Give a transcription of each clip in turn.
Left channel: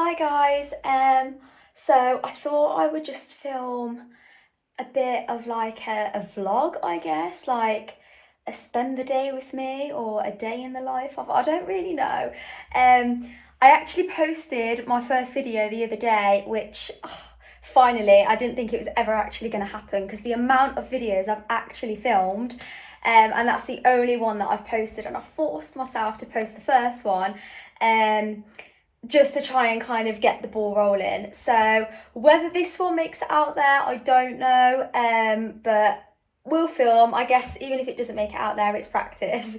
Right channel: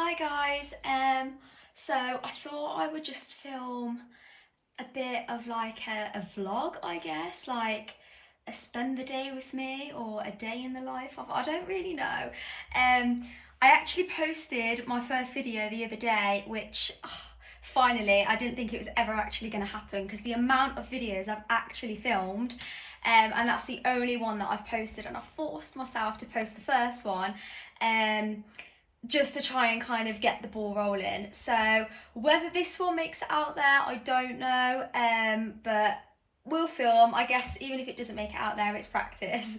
Hi guys. So I thought I would just film a bit of like a vlog, I guess, like a spend the day with me or a day in the life of, I don't really know. Um, I actually posted my first video the other day, which finally I didn't think it was ever actually going to happen because the amount of videos I've actually filmed. And that's the only one that I've posted, and I forced myself to post the first one. Um, just to try and kind of get the ball rolling. So whether this one makes it out there, I don't know. But we'll film. I guess even if it doesn't make it out there, it's practice.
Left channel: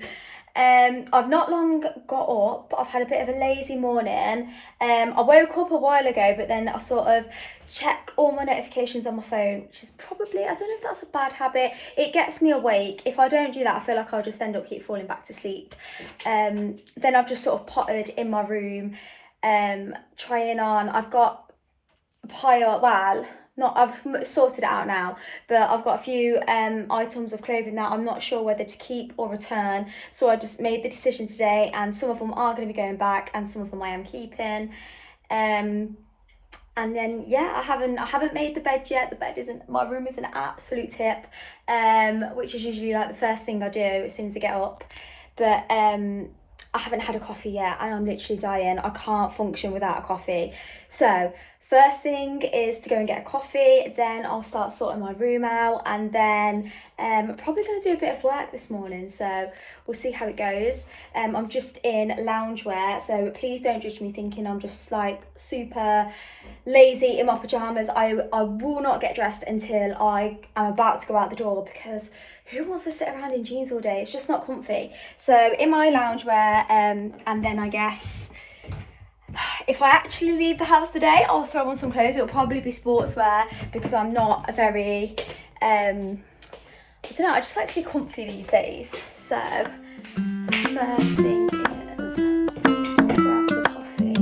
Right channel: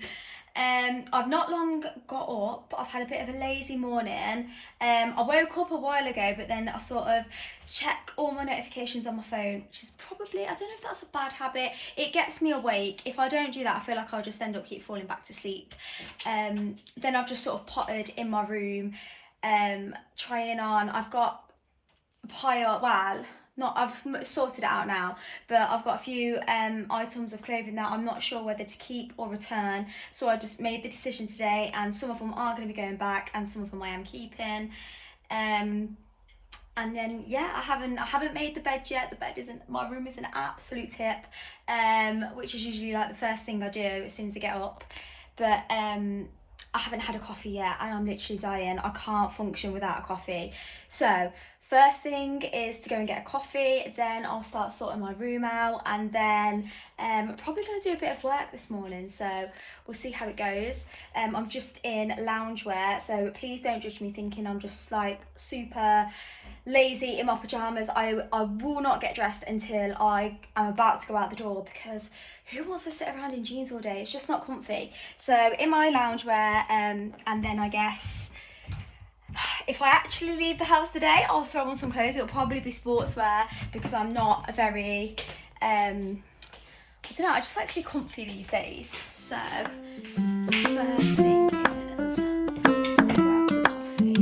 I've not long got up. I've had a bit of a lazy morning. I woke up a while ago, but then I sort of check all my notifications on my phone, which is probably, I don't know if that's a bad habit. It gets me awake. If I don't do that, I feel like I'll just end up keep falling back to sleep. Then I've just sort of pottered in my room, trying on. I've got a pile, well, not, I've sorted it out now, but I've got a few items of clothing that I'm not sure whether to keep or return. So I just made the decision today, and some of them are going to be going back, and some of them I am keeping. And then yeah, I haven't made the bed yet. The bed isn't, my room is an absolute tip, which is usually like the first thing I do as soon as I get up. But I haven't had a coffee yet, and I'm literally dying. I can't function without a coffee. So first thing is to go and get a coffee, then I'll start sorting my room out, and then I'm probably going to do a bit of work this morning, so we'll see how it goes. I'm just in loungewear, so please don't judge me thinking I'm just like super lazy in my pajamas. I will not get dressed until I am about to go out the door, because who wants to sit around in jeans all day? It's just not comfy. So in my loungewear, and then I guess if I actually leave the house today, I'll throw on some clothes. It'll probably be sportswear, because I'm not a very, I don't know, I just like to be comfy these days. So first thing is grab the coffee.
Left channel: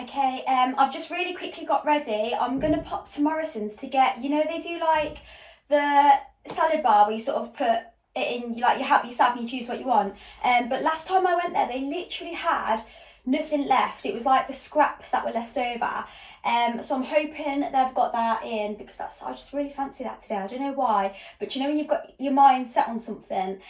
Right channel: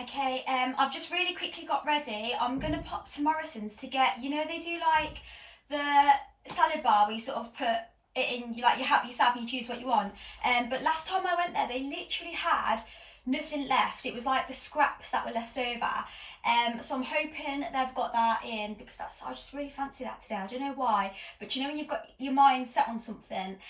Okay, I've just really quickly got ready. I'm gonna pop to Morrison's to get, they do like the salad bar where you sort of put it in, you like you help yourself and you choose what you want. But last time I went there, they literally had nothing left. It was like the scraps that were left over. So I'm hoping they've got that in, because I just really fancy that today. I don't know why, but when you've got your mind set on something,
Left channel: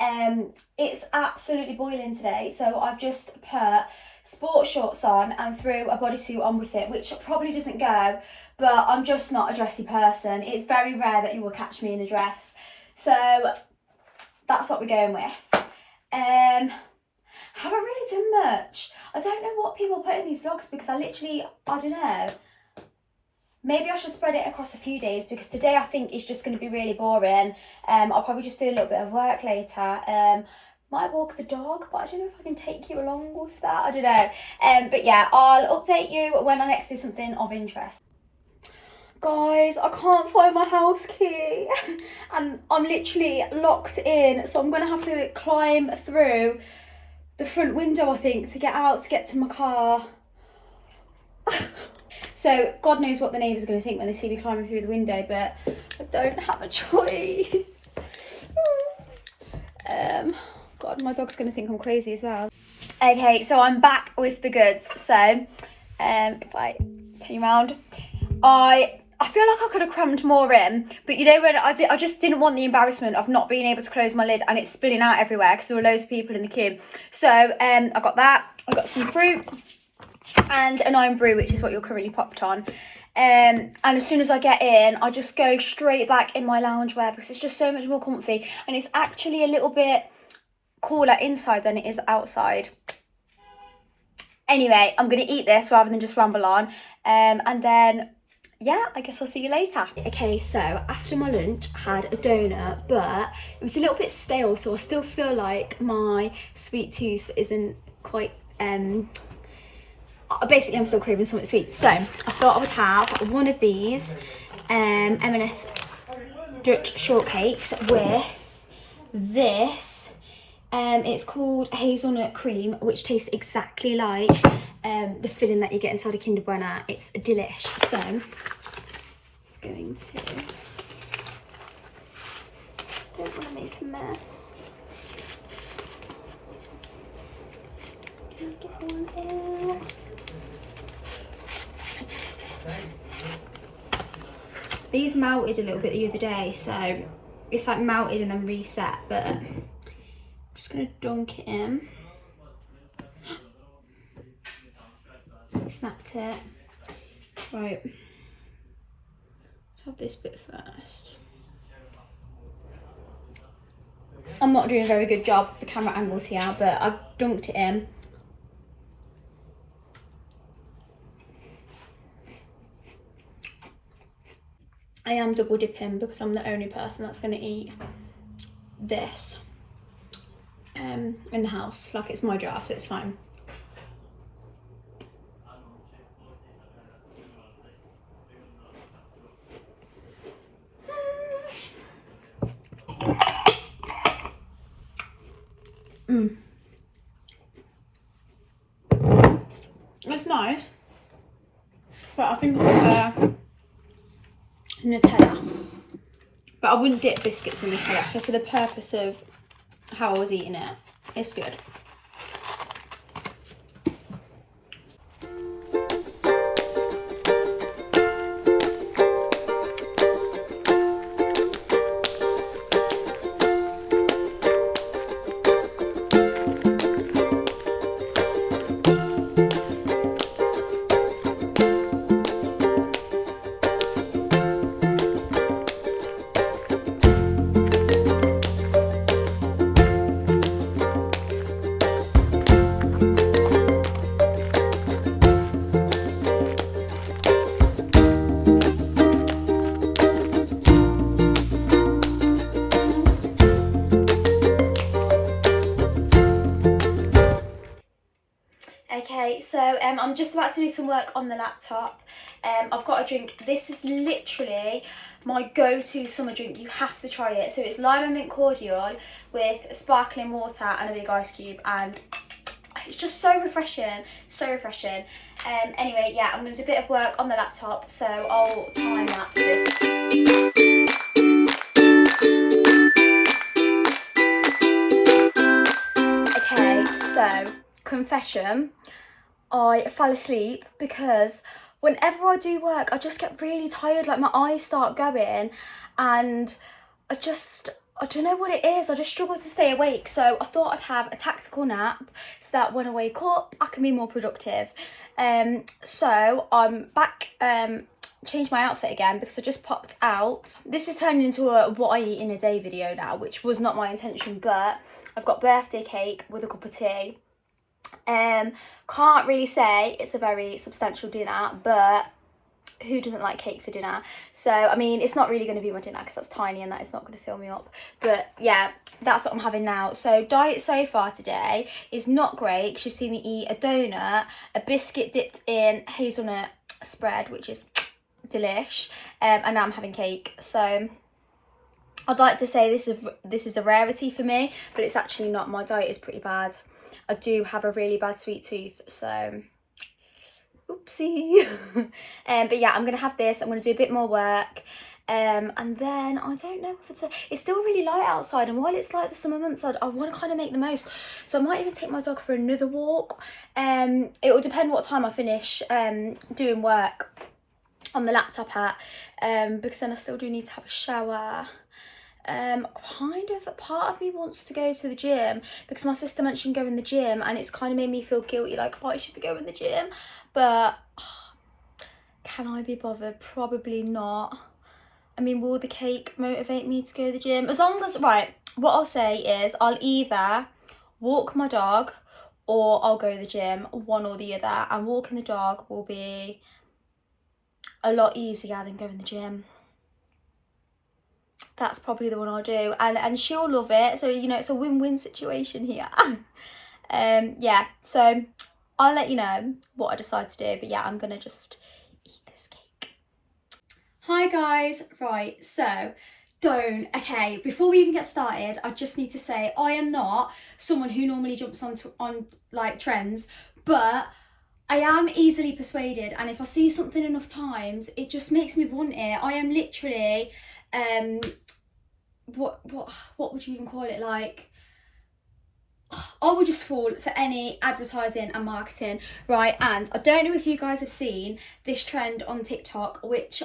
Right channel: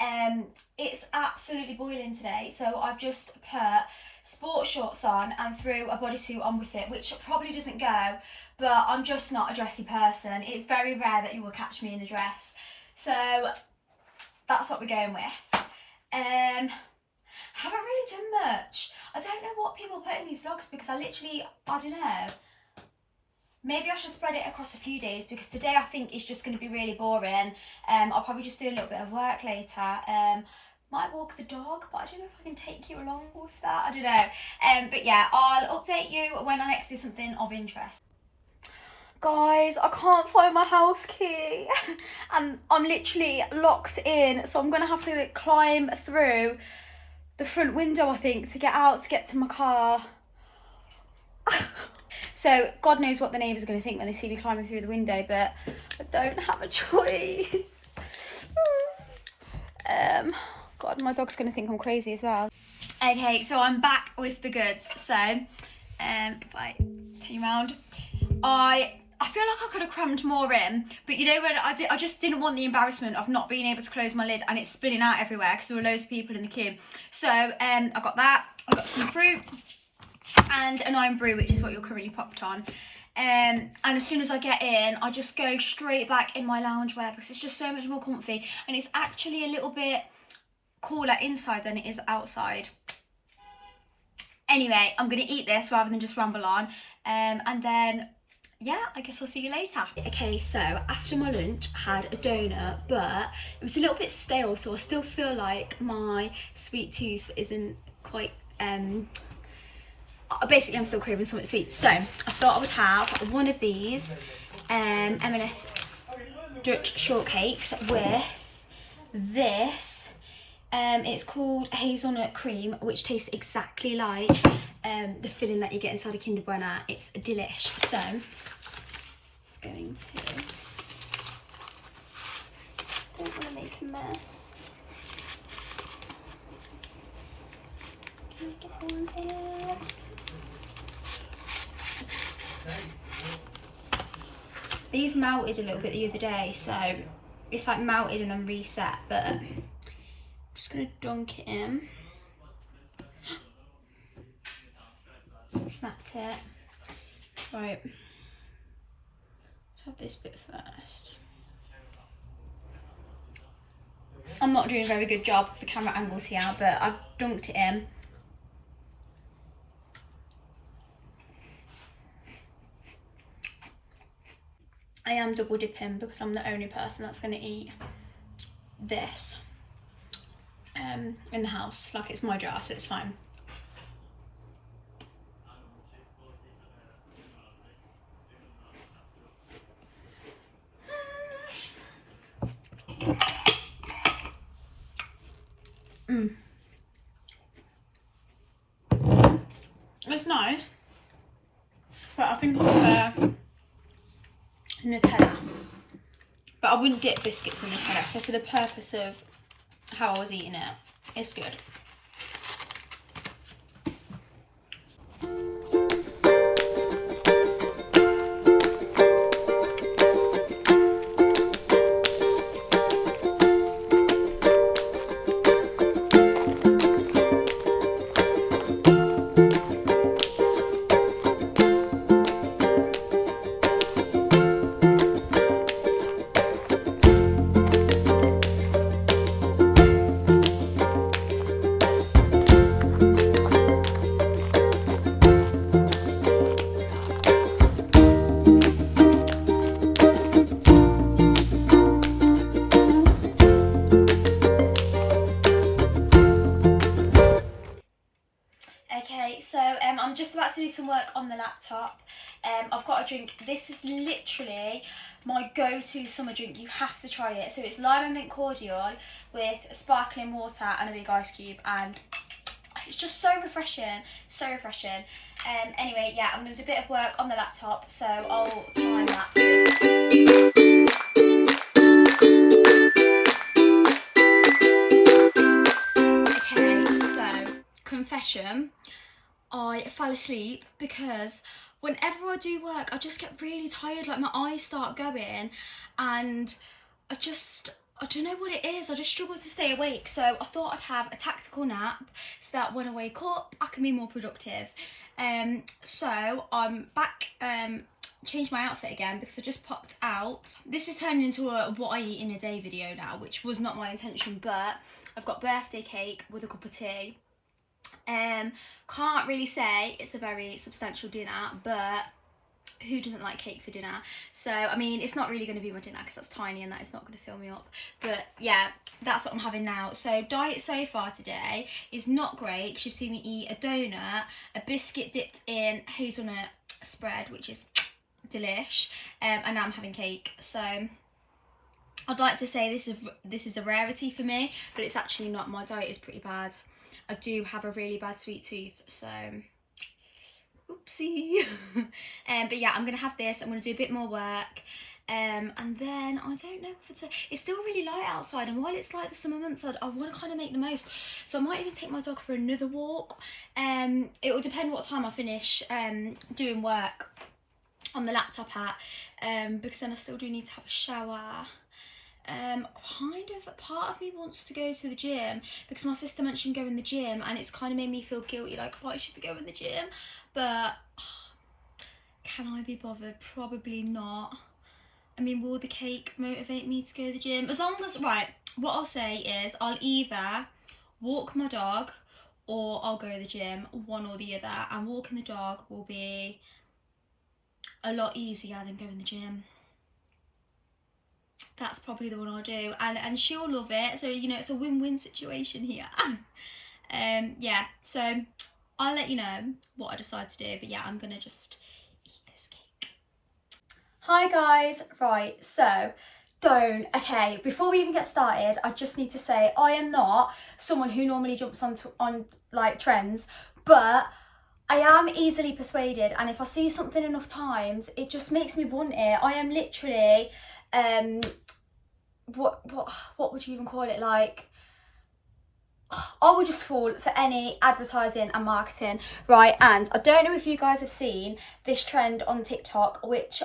It's absolutely boiling today, so I've just put sports shorts on and threw a bodysuit on with it, which probably doesn't go, but I'm just not a dressy person. It's very rare that you will catch me in a dress, so that's what we're going with. Haven't really done much. I don't know what people put in these vlogs because I don't know. Maybe I should spread it across a few days because today I think is just going to be really boring. I'll probably just do a little bit of work later. Might walk the dog, but I don't know if I can take you along with that. I don't know. But yeah, I'll update you when I next do something of interest. Guys, I can't find my house key and I'm literally locked in, so I'm gonna have to climb through the front window, I think, to get out, to get to my car. So God knows what the neighbours are going to think when they see me climbing through the window, but I don't have a choice. God, my dog's going to think I'm crazy as well. Okay, so I'm back with the goods. So if I turn you around, I feel like I could have crammed more in, but you know when I just didn't want the embarrassment of not being able to close my lid and it's spilling out everywhere because there were loads of people in the queue. So I got that. I got some fruit and an iron brew, which is what you're currently popped on. And as soon as I get in, I just go straight back in my loungewear because it's just so much more comfy and it's actually a little bit cooler inside than it is outside. Anyway, I'm going to eat this rather than just ramble on. And then, yeah, I guess I'll see you later. Okay, so after my lunch, I had a donut, but it was a little bit stale, so I still feel like my sweet tooth isn't quite... Basically, I'm still craving something sweet. So I thought I would have one of these M&S Dutch shortcakes with this. It's called hazelnut cream, which tastes exactly like the filling that you get inside a Kinder Bueno. It's delish. So just going to, don't want to make a mess. Can I get one there? These melted a little bit the other day, so it's like melted and then reset, but I'm just gonna dunk it in. Snapped it. Right, have this bit first. I'm not doing a very good job of the camera angles here, but I've dunked it in. I am double dipping because I'm the only person that's going to eat this in the house. Like, it's my jar, so it's fine. It's nice, but I think I prefer Nutella. But I wouldn't dip biscuits in Nutella, so for the purpose of how I was eating it, it's good. Okay, so I'm just about to do some work on the laptop. I've got a drink. This is literally my go-to summer drink. You have to try it. So it's lime and mint cordial with sparkling water and a big ice cube, and it's just so refreshing, so refreshing. Anyway, yeah, I'm going to do a bit of work on the laptop, so I'll time lapse this. Okay, so confession, I fell asleep because whenever I do work, I just get really tired, like my eyes start going, and I don't know what it is. I just struggle to stay awake. So I thought I'd have a tactical nap so that when I wake up, I can be more productive. So I'm back, changed my outfit again because I just popped out. This is turning into a what I eat in a day video now, which was not my intention, but I've got birthday cake with a cup of tea. Can't really say it's a very substantial dinner, but who doesn't like cake for dinner? So I mean, it's not really going to be my dinner because that's tiny and that is not going to fill me up, but yeah, that's what I'm having now. So diet so far today is not great because you've seen me eat a donut, a biscuit dipped in hazelnut spread, which is delish, and now I'm having cake. So I'd like to say this is a rarity for me, but it's actually not. My diet is pretty bad. I do have a really bad sweet tooth, so oopsie. But yeah, I'm gonna have this. I'm gonna do a bit more work, and then I don't know if it's still really light outside, and while it's like the summer months, I want to kind of make the most. So I might even take my dog for another walk. It will depend what time I finish doing work on the laptop at, because then I still do need to have a shower. Kind of part of me wants to go to the gym because my sister mentioned going to the gym, and it's kind of made me feel guilty, like, oh, I should be going to the gym, but can I be bothered? Probably not. I mean, will the cake motivate me to go to the gym? As long as, right, what I'll say is I'll either walk my dog or I'll go to the gym, one or the other, and walking the dog will be a lot easier than going to the gym. That's probably the one I'll do, and she'll love it, so you know, it's a win-win situation here. Yeah, so I'll let you know what I decide to do, but yeah, I'm gonna just eat this cake. Hi guys, right, so okay, before we even get started, I just need to say I am not someone who normally jumps on like trends, but I am easily persuaded, and if I see something enough times, it just makes me want it. I am literally what would you even call it, like, I would just fall for any advertising and marketing, right? And I don't know if you guys have seen this trend on TikTok, which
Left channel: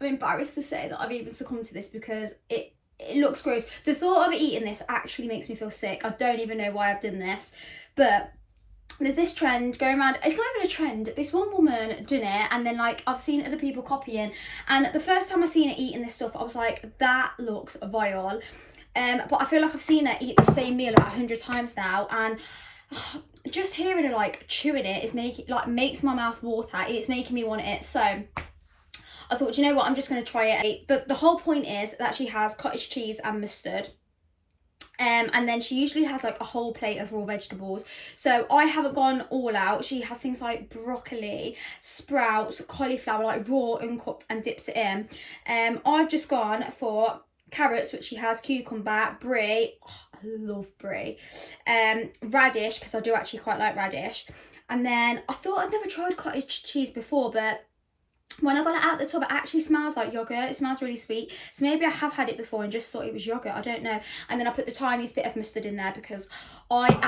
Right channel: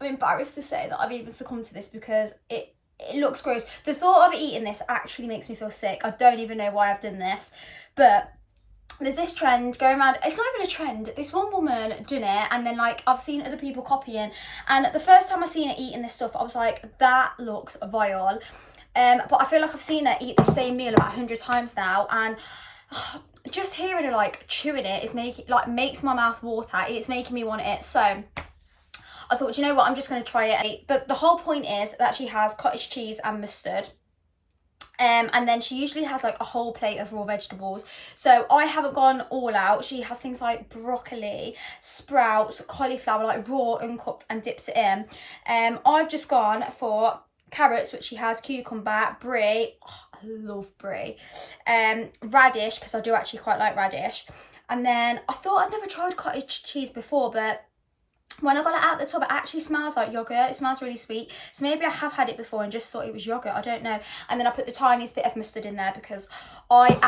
I'm embarrassed to say that I've even succumbed to this because it looks gross. The thought of eating this actually makes me feel sick. I don't even know why I've done this, but there's this trend going around. It's not even a trend. This one woman done it, and then like I've seen other people copying, and the first time I seen her eating this stuff, I was like, that looks vile. But I feel like I've seen her eat the same meal about 100 times now, and just hearing her like chewing it is makes my mouth water. It's making me want it. So I thought, do you know what, I'm just going to try it. The whole point is that she has cottage cheese and mustard. And then she usually has like a whole plate of raw vegetables. So I haven't gone all out. She has things like broccoli, sprouts, cauliflower, like raw, uncooked, and dips it in. I've just gone for carrots, which she has, cucumber, brie. Oh, I love brie. Radish, because I do actually quite like radish. And then I thought I'd never tried cottage cheese before, but when I got it out the tub, it actually smells like yogurt. It smells really sweet. So maybe I have had it before and just thought it was yogurt. I don't know. And then I put the tiniest bit of mustard in there because I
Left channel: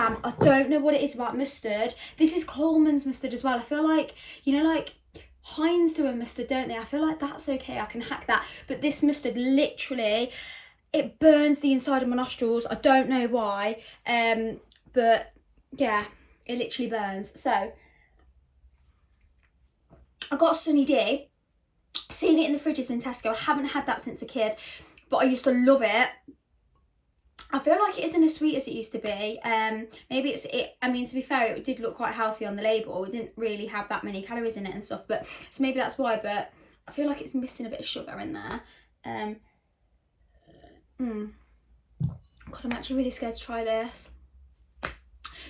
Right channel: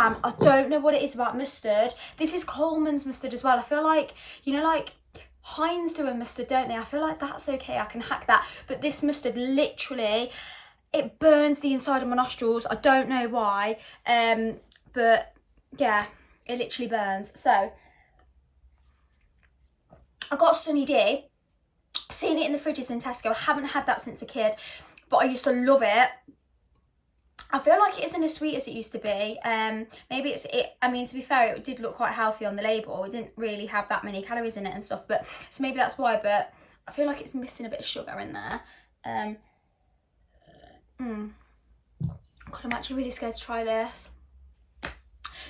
don't know what it is about mustard. This is Coleman's mustard as well. I feel like, you know, like Heinz do a mustard, don't they? I feel like that's okay. I can hack that. But this mustard, literally, it burns the inside of my nostrils. I don't know why. But yeah, it literally burns. So I got Sunny D, seen it in the fridges in Tesco. I haven't had that since a kid, but I used to love it. I feel like it isn't as sweet as it used to be. Maybe I mean, to be fair, it did look quite healthy on the label. It didn't really have that many calories in it and stuff, but so maybe that's why, but I feel like it's missing a bit of sugar in there. God, I'm actually really scared to try this.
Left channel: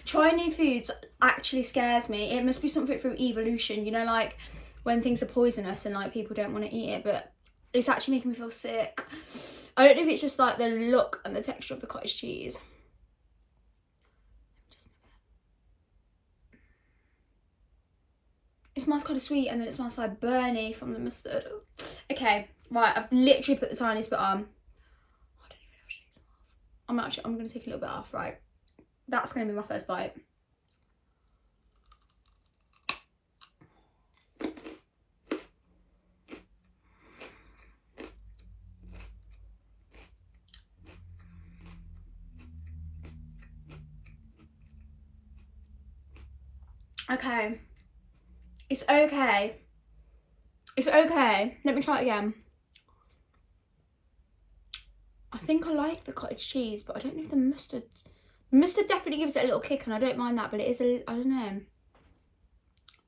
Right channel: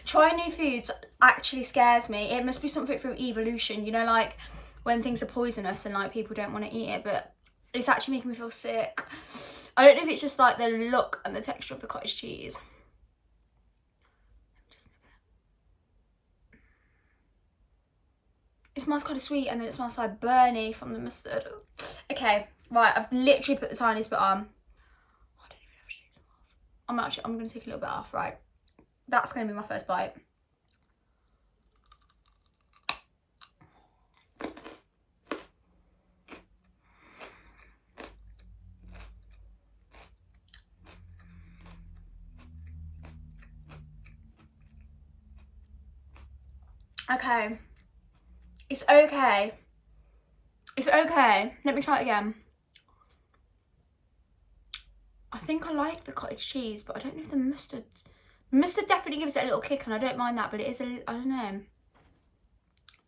Trying new foods actually scares me. It must be something through evolution, you know, like when things are poisonous and like people don't want to eat it, but it's actually making me feel sick. I don't know if it's just like the look and the texture of the cottage cheese. It smells kind of sweet, and then it smells like burny from the mustard. Okay, right, I've literally put the tiniest bit on. Oh, I don't even know if I should take some off. I'm going to take a little bit off, right. That's going to be my first bite. Okay. It's okay. It's okay. Let me try it again. I think I like the cottage cheese, but I don't know if the mustard... The mustard definitely gives it a little kick, and I don't mind that, but it is a... I don't know.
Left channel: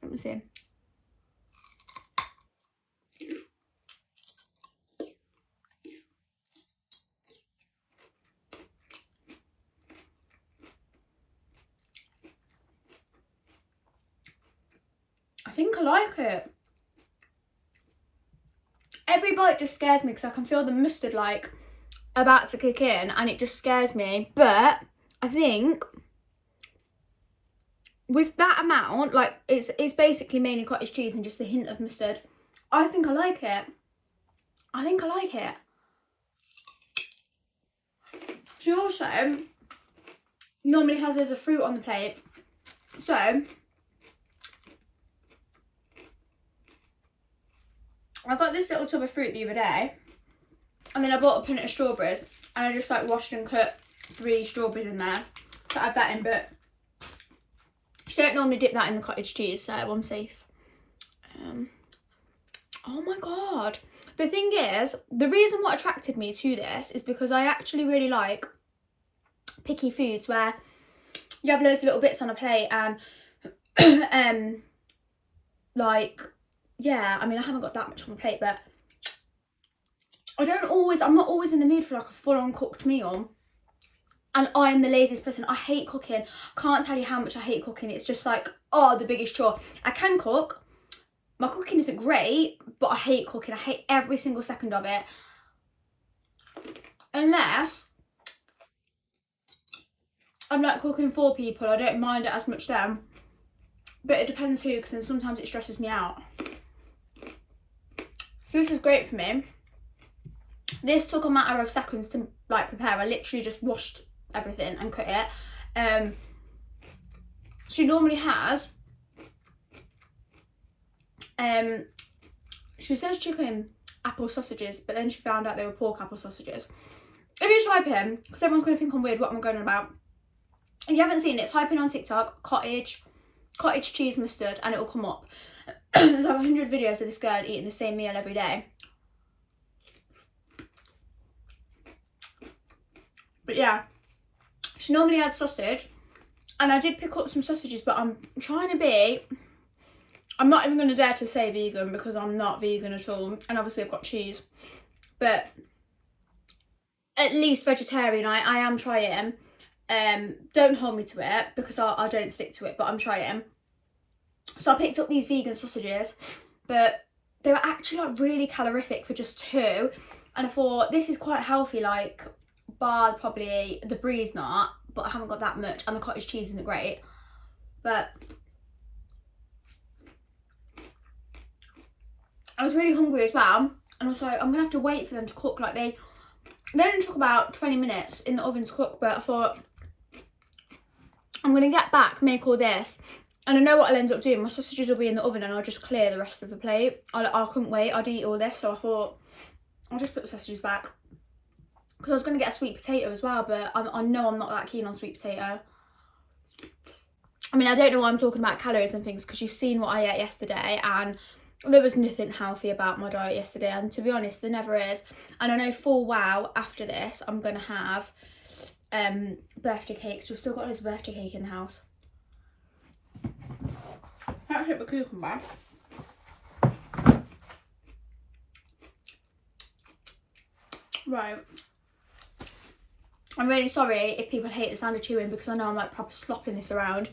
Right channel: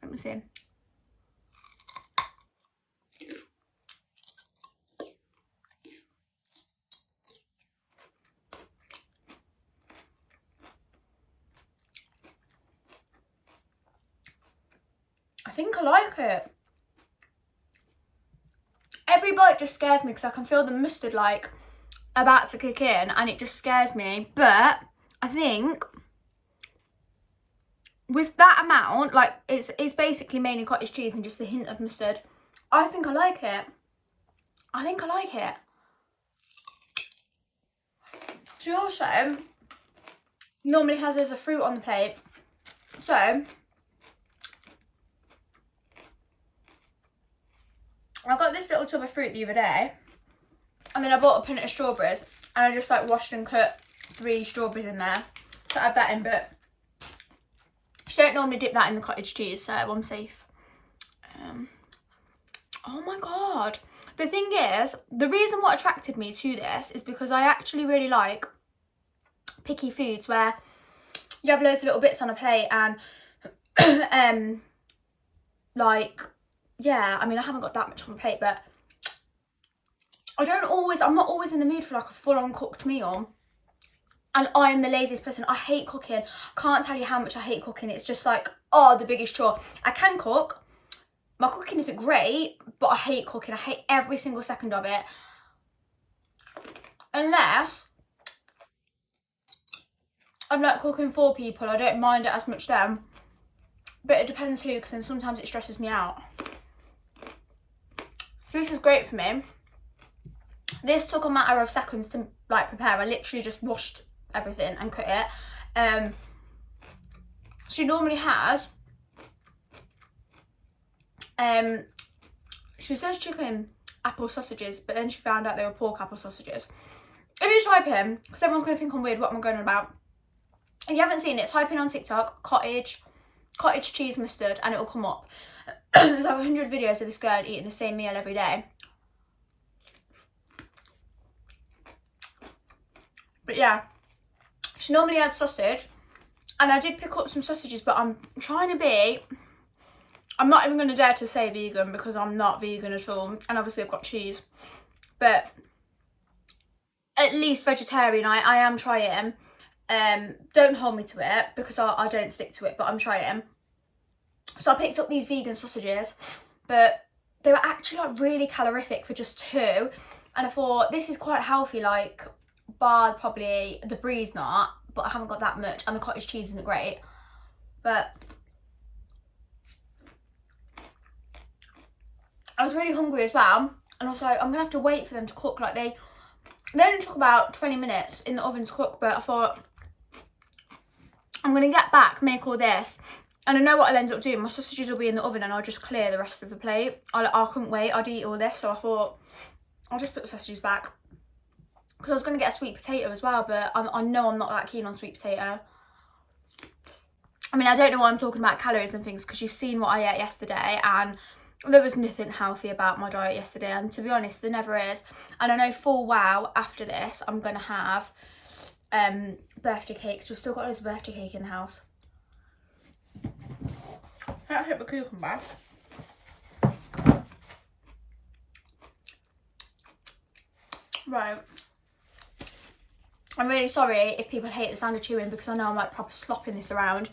Let me see. I think I like it. Every bite just scares me because I can feel the mustard like about to kick in, and it just scares me. But I think with that amount, like it's basically mainly cottage cheese and just a hint of mustard. I think I like it. I think I like it. She also normally has as a fruit on the plate. So I got this little tub of fruit the other day, and then I bought a punnet of strawberries, and I just like washed and cut 3 strawberries in there to add that in, but she don't normally dip that in the cottage cheese, so I'm safe. Oh my god. The thing is, the reason what attracted me to this is because I actually really like picky foods where you have loads of little bits on a plate and like, yeah, I mean, I haven't got that much on the plate, but I'm not always in the mood for like a full-on cooked meal. And I am the laziest person. I hate cooking. Can't tell you how much I hate cooking. It's just like, oh, the biggest chore. I can cook. My cooking isn't great, but I hate cooking. I hate every single second of it. Unless I'm like cooking for people, I don't mind it as much then. But it depends who, because then sometimes it stresses me out. So this is great for me. This took a matter of seconds to like prepare. I literally just washed everything and cut it. She normally has she says chicken apple sausages, but then she found out they were pork apple sausages. If you type in, because everyone's going to think I'm weird what I'm going on about, if you haven't seen it, type in on TikTok cottage cheese mustard and it will come up. There's like 100 videos of this girl eating the same meal every day. But yeah, she normally adds sausage, and I did pick up some sausages, but I'm trying to be... I'm not even going to dare to say vegan because I'm not vegan at all, and obviously I've got cheese, but at least vegetarian. I am trying. Don't hold me to it because I don't stick to it, but I'm trying. So I picked up these vegan sausages, but they were actually like really calorific for just 2, and I thought this is quite healthy, like bar probably the brie's not, but I haven't got that much, and the cottage cheese isn't great, but I was really hungry as well, and I was like, I'm gonna have to wait for them to cook. Like they only took about 20 minutes in the oven to cook, but I thought I'm gonna get back, make all this, and I know what I'll end up doing. My sausages will be in the oven and I'll just clear the rest of the plate. I couldn't wait, I'd eat all this, so I thought I'll just put the sausages back. Because I was going to get a sweet potato as well, but I know I'm not that keen on sweet potato. I mean, I don't know why I'm talking about calories and things, because you've seen what I ate yesterday, and there was nothing healthy about my diet yesterday, and to be honest, there never is. And I know full well after this, I'm going to have birthday cakes. We've still got loads of birthday cake in the house. Let's hit the cucumber. Right. I'm really sorry if people hate the sound of chewing, because I know I'm like proper slopping this around.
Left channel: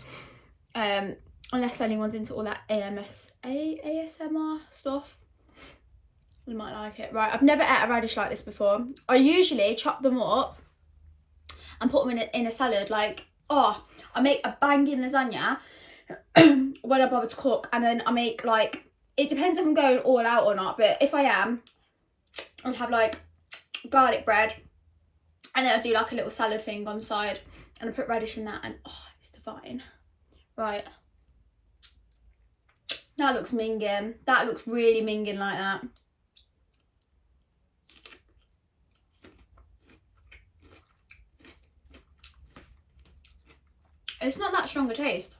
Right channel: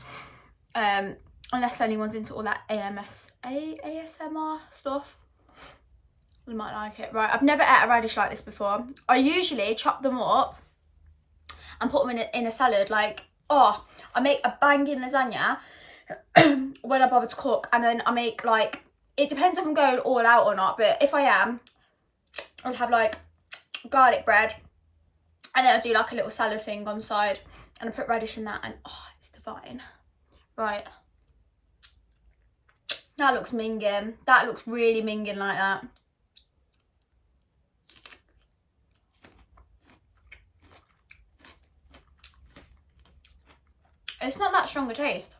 Unless anyone's into all that ASMR stuff, you might like it. Right, I've never ate a radish like this before. I usually chop them up and put them in a salad. Like, I make a banging lasagna when I bother to cook, and then I make like, it depends if I'm going all out or not, but if I am, I'll have like garlic bread, and then I'll do like a little salad thing on the side, and I put radish in that, and it's divine. Right, that looks minging. That looks really minging like that. It's not that strong a taste.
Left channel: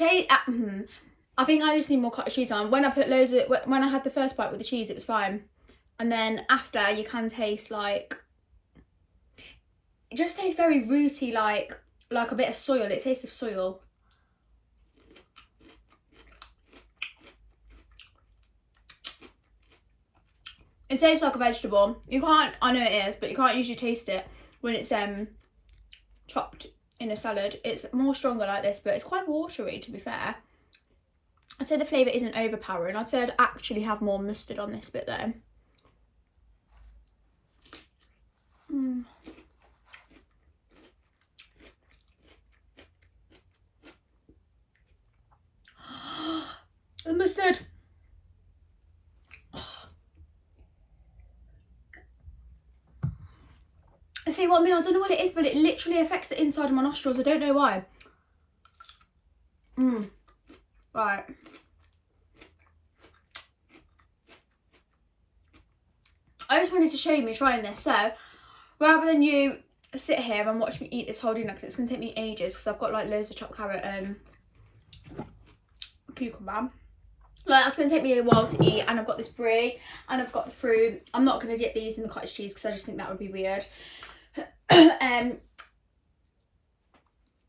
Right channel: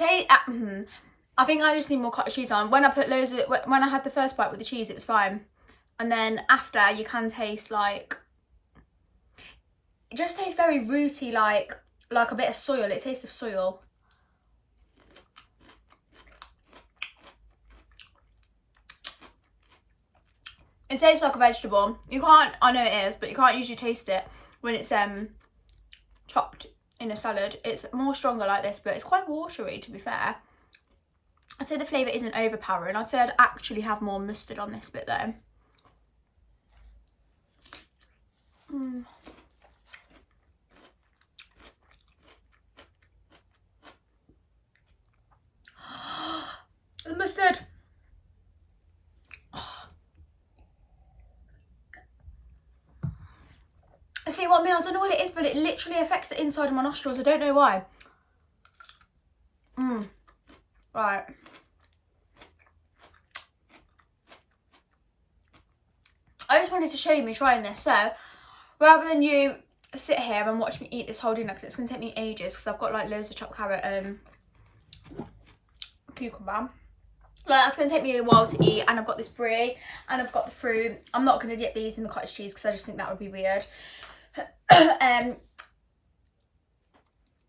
I think I just need more cottage cheese on. When I put loads of, when I had the first bite with the cheese, it was fine. And then after, you can taste like, it just tastes very rooty, like a bit of soil. It tastes of soil. It tastes like a vegetable. You can't, I know it is, but you can't usually taste it when it's chopped in a salad. It's more stronger like this, but it's quite watery, to be fair. I'd say the flavour isn't overpowering. I'd say I'd actually have more mustard on this bit though. The mustard. See what I mean? I don't know what it is, but it literally affects the inside of my nostrils. I don't know why. Right. I just wanted to show you me trying this. So, rather than you sit here and watch me eat this whole dinner, because it's going to take me ages, because I've got like loads of chopped carrot and cucumber. Like, that's going to take me a while to eat, and I've got this brie, and I've got the fruit. I'm not going to dip these in the cottage cheese, because I just think that would be weird.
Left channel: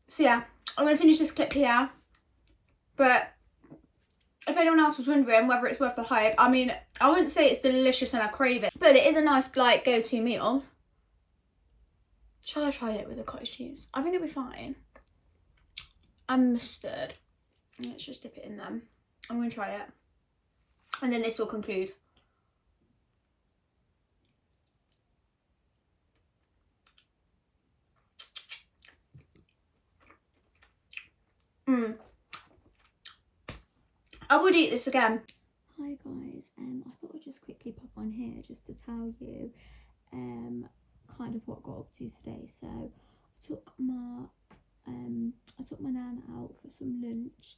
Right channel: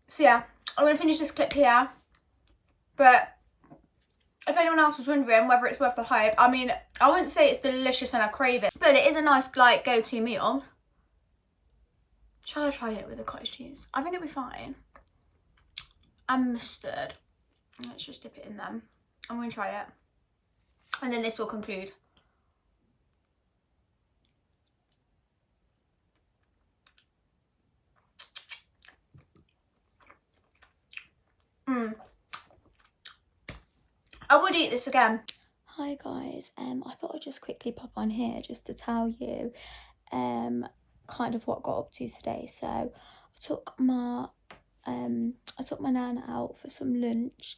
So yeah, I'm going to finish this clip here. But if anyone else was wondering whether it's worth the hype, I mean, I wouldn't say it's delicious and I crave it, but it is a nice, like, go-to meal. Shall I try it with the cottage cheese? I think it'll be fine. And mustard. Let's just dip it in them. I'm going to try it. And then this will conclude. I would eat this again. Hi guys, I thought I'd just quickly pop on here just to tell you kind of what I got up to today. So I took my nana out for some lunch.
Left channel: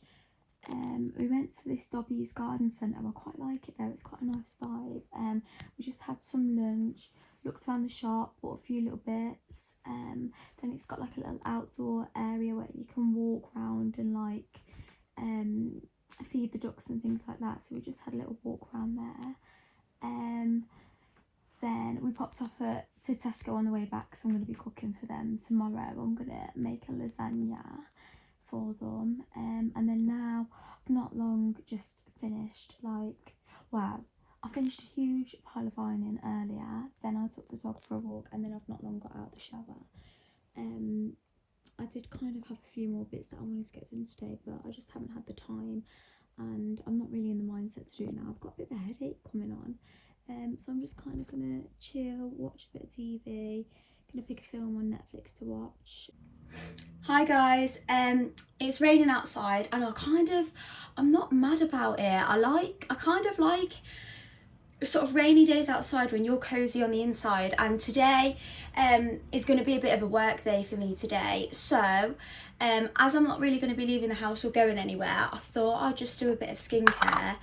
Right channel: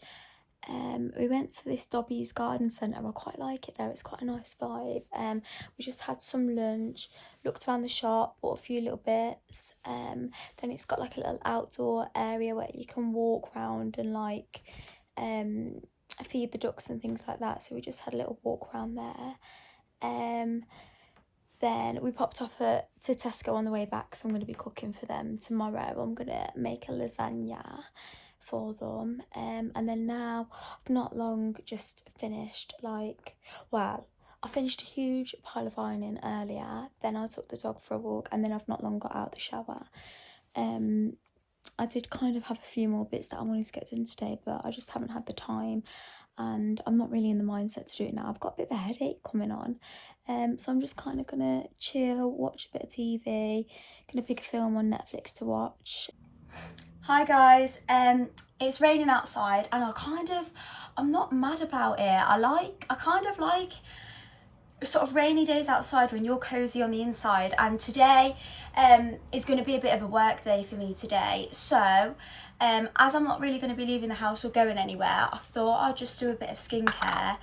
We went to this Dobby's garden centre. I quite like it there. It's quite a nice vibe. We just had some lunch, looked around the shop, bought a few little bits. Then it's got like a little outdoor area where you can walk around and like feed the ducks and things like that. So we just had a little walk around there. Then we popped off to Tesco on the way back, so I'm going to be cooking for them tomorrow. I'm going to make a lasagna for them. And then now I've not long just finished I finished a huge pile of ironing earlier. Then I took the dog for a walk, and then I've not long got out the shower. I did kind of have a few more bits that I wanted to get done today, but I just haven't had the time, and I'm not really in the mindset to do it now. I've got a bit of a headache coming on, so I'm just kind of gonna chill, watch a bit of TV, gonna pick a film on Netflix to watch. Hi guys, it's raining outside, and I'm not mad about it. I kind of like sort of rainy days outside when you're cozy on the inside, and today is going to be a bit of a work day for me today. So as I'm not really going to be leaving the house or going anywhere, I thought I'd just do a bit of skincare.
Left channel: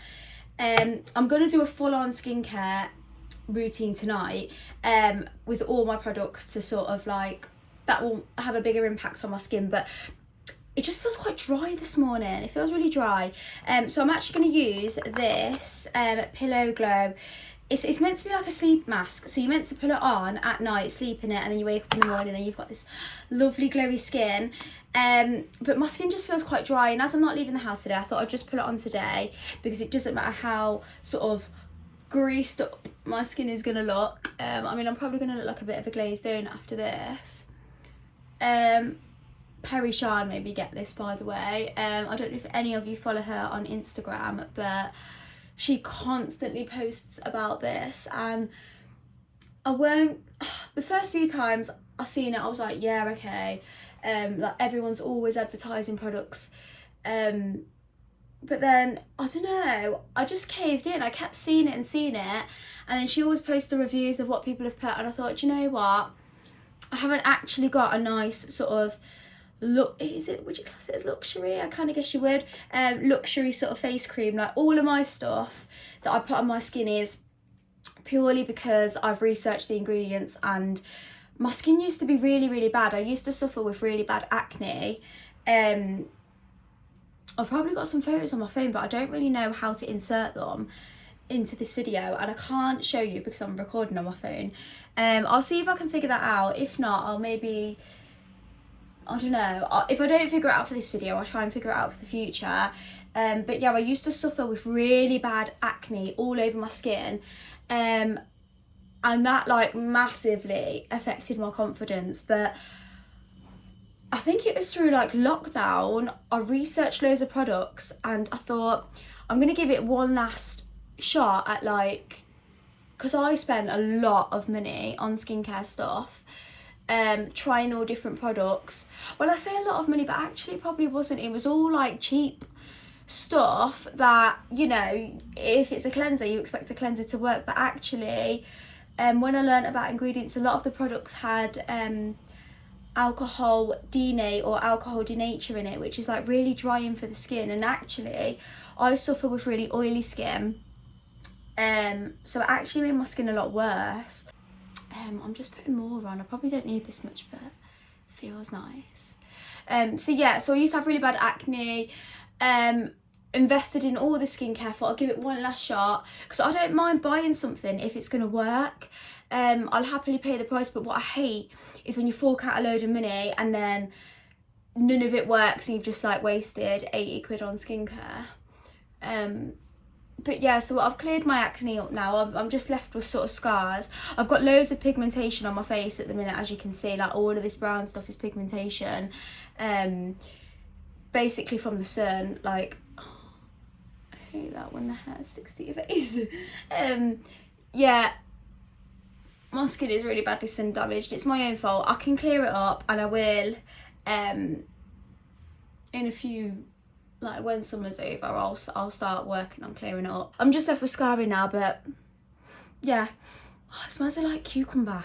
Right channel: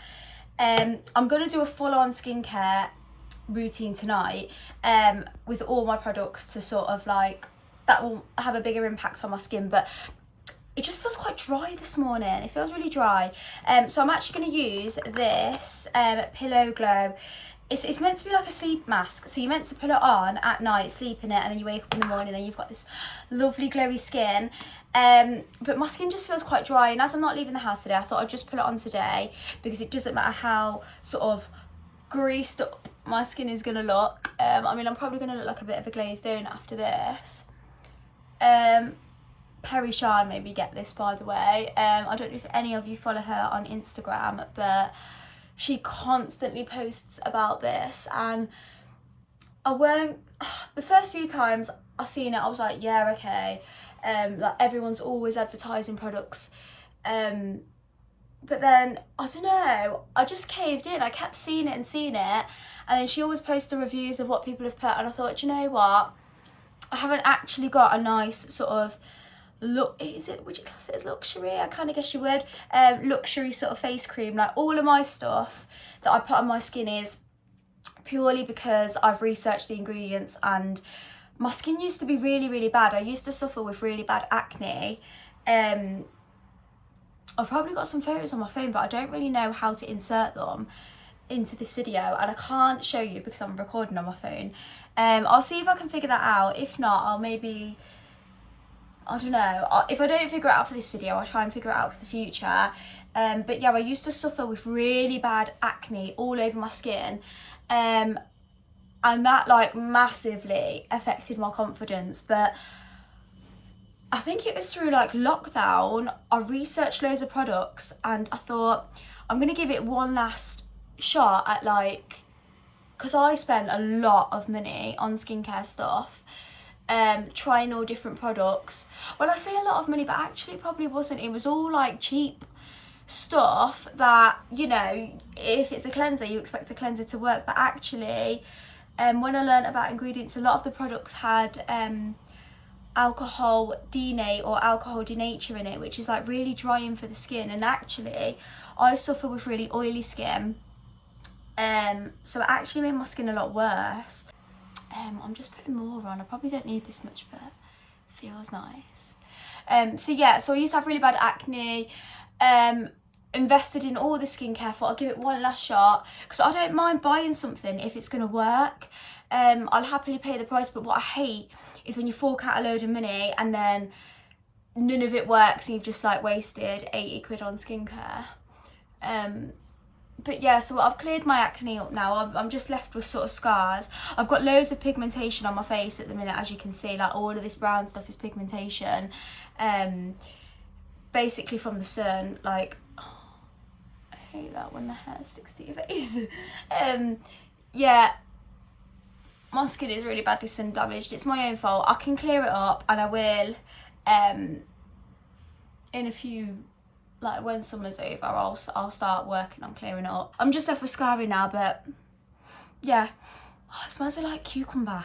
I'm going to do a full-on skincare routine tonight with all my products to sort of like, that will have a bigger impact on my skin, but it just feels quite dry this morning. It feels really dry. So I'm actually going to use this Pillow Glow. It's meant to be like a sleep mask. So you're meant to put it on at night, sleep in it, and then you wake up in the morning and you've got this lovely glowy skin. But my skin just feels quite dry, and as I'm not leaving the house today, I thought I'd just put it on today, because it doesn't matter how sort of greased up my skin is going to look. I mean, I'm probably going to look like a bit of a glazed donut after this. Perry Shan made me get this, by the way. I don't know if any of you follow her on Instagram, but she constantly posts about this, and the first few times I seen it, I was like, yeah, okay, like everyone's always advertising products, but then I don't know, I just caved in. I kept seeing it, and then she always posts the reviews of what people have put, and I thought, you know what, I haven't actually got a nice sort of would you class it as luxury? I kind of guess you would. Luxury sort of face cream. Like, all of my stuff that I put on my skin is purely because I've researched the ingredients, and my skin used to be really, really bad. I used to suffer with really bad acne. I've probably got some photos on my phone, but I don't really know how to insert them into this video, and I can't show you because I'm recording on my phone. I'll see if I can figure that out. If not, I'll maybe, I don't know, if I don't figure it out for this video, I'll try and figure it out for the future. But yeah, I used to suffer with really bad acne all over my skin, and that like massively affected my confidence. But I think it was through like lockdown, I researched loads of products and I thought I'm gonna give it one last shot at like, because I spent a lot of money on skincare stuff, trying all different products. Well, I say a lot of money, but actually it probably wasn't. It was all like cheap stuff that, you know, if it's a cleanser, you expect a cleanser to work, but actually, when I learned about ingredients, a lot of the products had alcohol denate or alcohol denature in it, which is like really drying for the skin. And actually I suffer with really oily skin, so it actually made my skin a lot worse. I'm just putting more on. I probably don't need this much, but it feels nice. So yeah, so I used to have really bad acne, invested in all the skincare, thought I'll give it one last shot because I don't mind buying something if it's gonna work. I'll happily pay the price, but what I hate is when you fork out a load of money and then none of it works and you've just like wasted 80 quid on skincare. But yeah, so I've cleared my acne up now. I'm just left with sort of scars. I've got loads of pigmentation on my face at the minute, as you can see. Like all of this brown stuff is pigmentation, basically from the sun. Like, oh, I hate that when the hair sticks to your face. Yeah, my skin is really badly sun damaged. It's my own fault. I can clear it up, and I will. In a few, like when summer's over, I'll start working on clearing it up. I'm just left with scarring now, but yeah, oh, it smells like cucumber,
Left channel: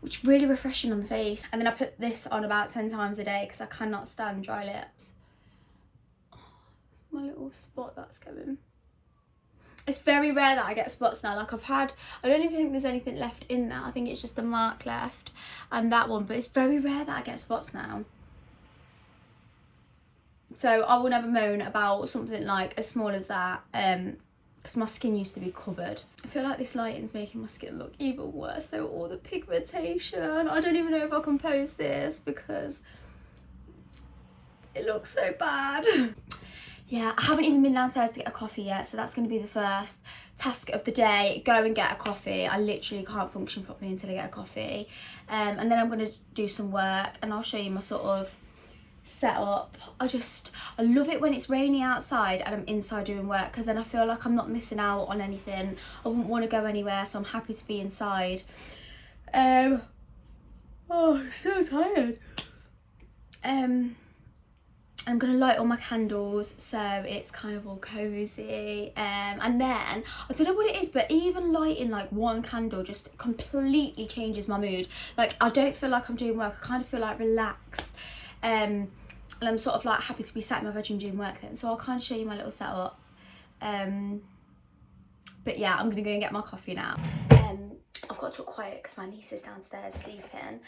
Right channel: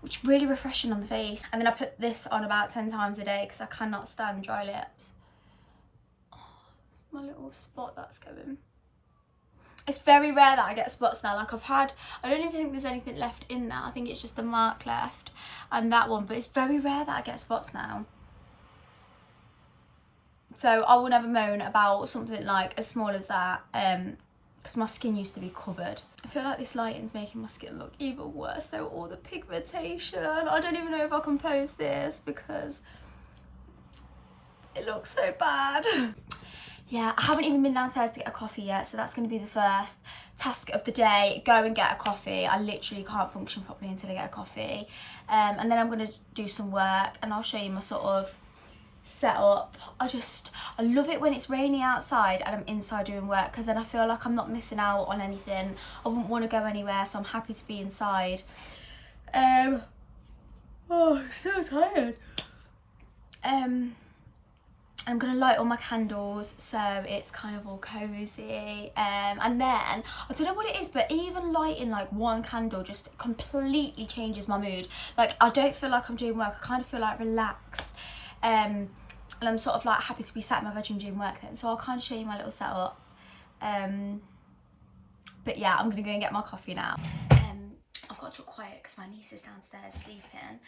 which is really refreshing on the face. And then I put this on about 10 times a day because I cannot stand dry lips. Oh, my little spot that's going. It's very rare that I get spots now. Like I don't even think there's anything left in there. I think it's just the mark left and that one, but it's very rare that I get spots now. So I will never moan about something like as small as that, because my skin used to be covered. I feel like this lighting's making my skin look even worse. So all the pigmentation, I don't even know if I can post this because it looks so bad. Yeah, I haven't even been downstairs to get a coffee yet, so that's going to be the first task of the day. Go and get a coffee. I literally can't function properly until I get a coffee. And then I'm going to do some work and I'll show you my sort of setup. I love it when it's rainy outside and I'm inside doing work, because then I feel like I'm not missing out on anything. I wouldn't want to go anywhere, so I'm happy to be inside. Oh, I'm so tired. I'm gonna light all my candles so it's kind of all cozy, and then I don't know what it is, but even lighting like one candle just completely changes my mood. Like I don't feel like I'm doing work, I kind of feel like relaxed, and I'm sort of like happy to be sat in my bedroom doing work then. So I'll kind of show you my little setup, but yeah, I'm gonna go and get my coffee now. I've got to talk quiet because my niece is downstairs sleeping,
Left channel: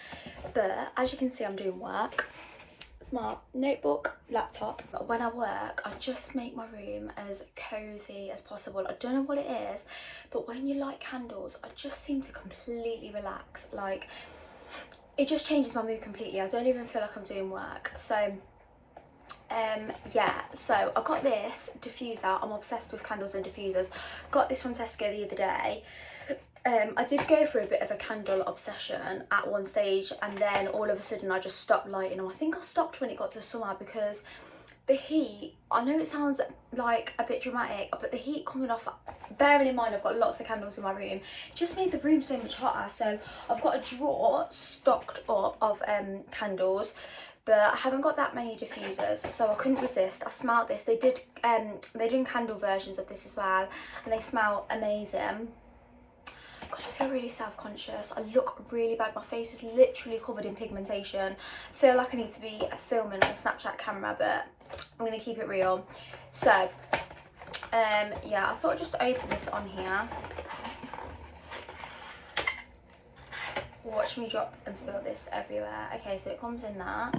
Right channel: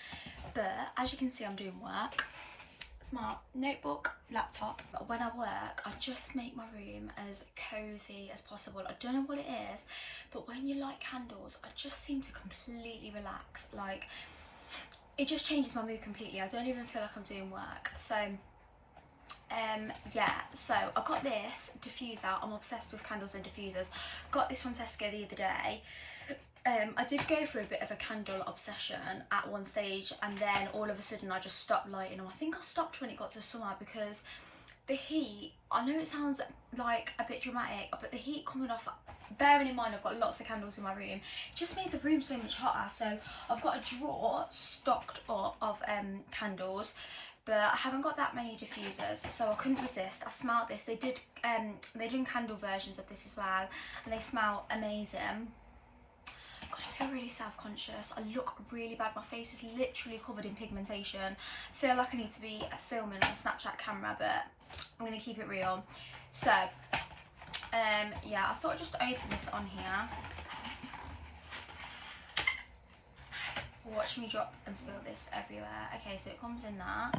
but as you can see I'm doing work. It's my notebook, laptop. But when I work, I just make my room as cozy as possible. I don't know what it is, but when you light candles, I just seem to completely relax. Like, it just changes my mood completely. I don't even feel like I'm doing work. So, yeah, so I got this diffuser. I'm obsessed with candles and diffusers. Got this from Tesco the other day. I did go through a bit of a candle obsession at one stage, and then all of a sudden I just stopped lighting them. I think I stopped when it got to summer because the heat, I know it sounds like a bit dramatic, but the heat coming off, bearing in mind I've got lots of candles in my room, it just made the room so much hotter. So I've got a drawer stocked up of candles, but I haven't got that many diffusers, so I couldn't resist. I smelled this. They did candle versions of this as well, and they smell amazing. God, I feel really self-conscious. I look really bad. My face is literally covered in pigmentation. I feel like I need to be filming on a Snapchat camera, but I'm going to keep it real. So, yeah, I thought I'd just open this on here. Watch me drop and spill this everywhere. Okay, so it comes in that.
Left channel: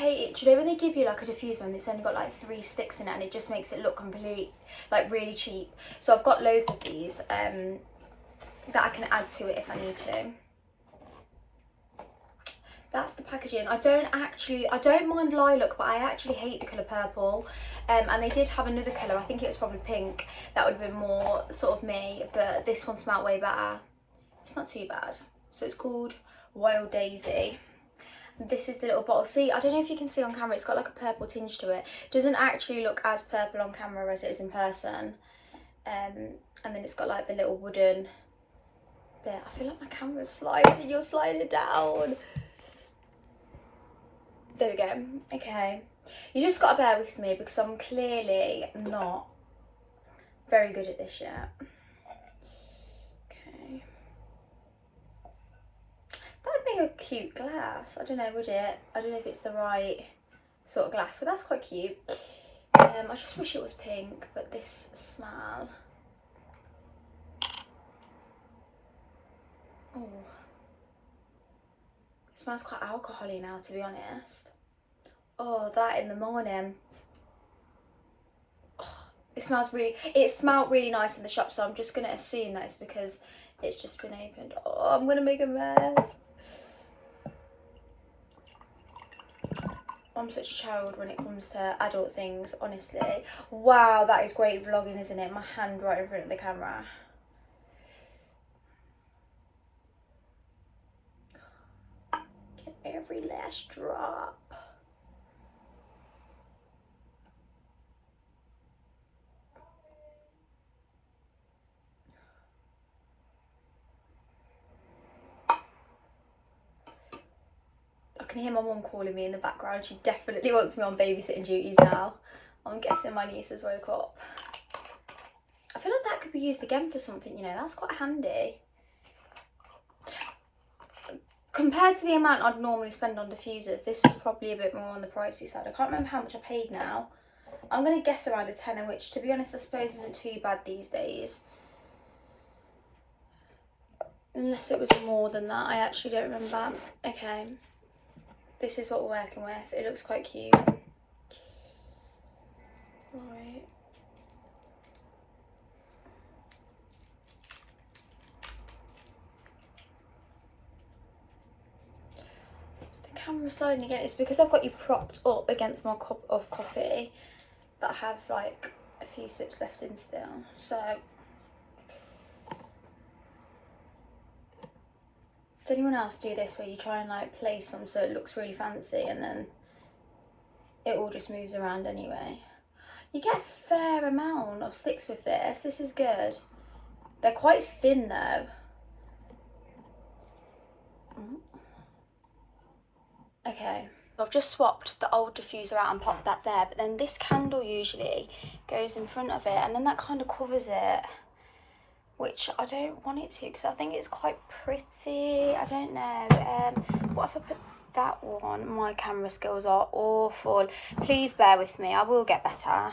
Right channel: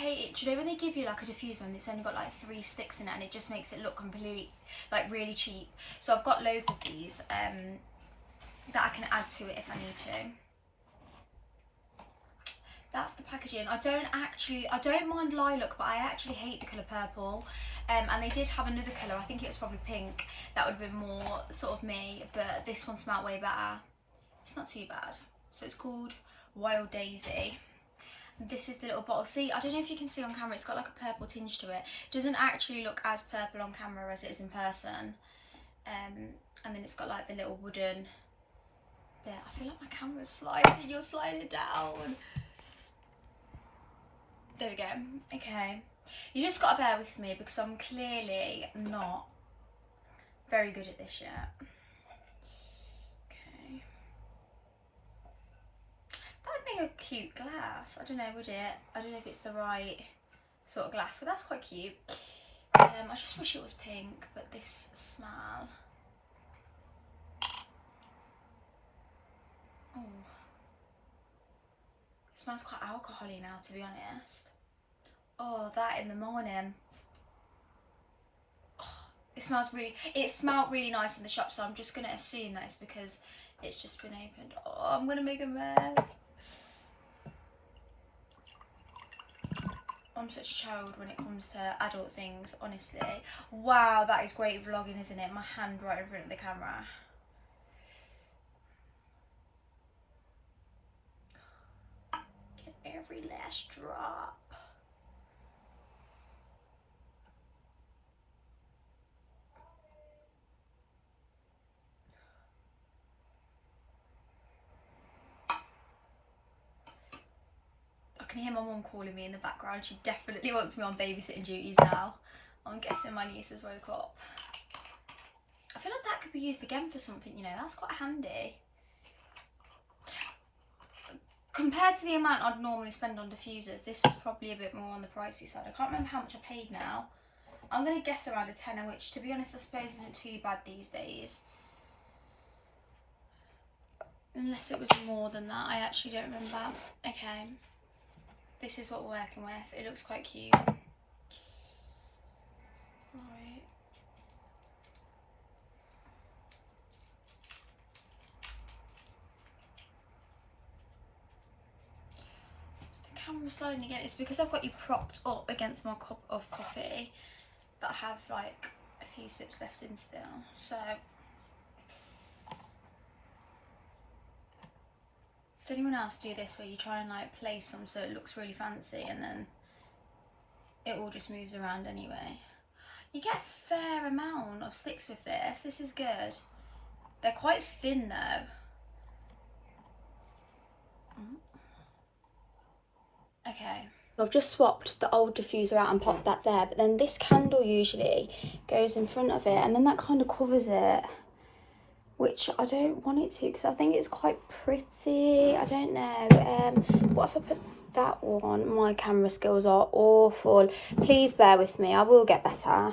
hate it. Do you know when they give you like a diffuser and it's only got like 3 sticks in it and it just makes it look complete, like really cheap? So I've got loads of these that I can add to it if I need to. That's the packaging. I don't mind lilac, but I actually hate the colour purple. And they did have another colour, I think it was probably pink, that would have been more sort of me, but this one smelled way better. It's not too bad. So it's called Wild Daisy. This is the little bottle. See, I don't know if you can see on camera, it's got like a purple tinge to it. It doesn't actually look as purple on camera as it is in person. And then it's got like the little wooden bit. I feel like my camera's sliding, you're sliding down. There we go. Okay, you just got to bear with me because I'm clearly not very good at this yet. Okay, that would make a cute glass. I don't know, would it? I don't know if it's the right sort of glass, but that's quite cute. I just wish it was pink, but this smell. Oh, it smells quite alcohol-y now, to be honest. Oh, that in the morning. Oh, it smelled really nice in the shop, so I'm just going to assume that it's because it's just been opened. Oh, I'm going to make a mess. I'm such a child when it comes to adult things, honestly. Wow, that is great vlogging, isn't it? My hand right in front of the camera. Get every last drop. I can hear my mum calling me in the background. She definitely wants me on babysitting duties now. I'm guessing my niece has woke up. I feel like that could be used again for something, you know, that's quite handy. Compared to the amount I'd normally spend on diffusers, this was probably a bit more on the pricey side. I can't remember how much I paid now. I'm going to guess around a tenner, which to be honest I suppose isn't too bad these days. Unless it was more than that, I actually don't remember. Okay. This is what we're working with. It looks quite cute. Right. Is the camera sliding again? It's because I've got you propped up against my cup of coffee that I have like a few sips left in still. So, does anyone else do this where you try and like place some so it looks really fancy and then it all just moves around anyway? You get a fair amount of sticks with this. This is good. They're quite thin though. Okay. I've just swapped the old diffuser out and popped that there, but then this candle usually goes in front of it and then that kind of covers it, which I don't want it to because I think it's quite pretty. I don't know. What if I put that one? My camera skills are awful. Please bear with me. I will get better.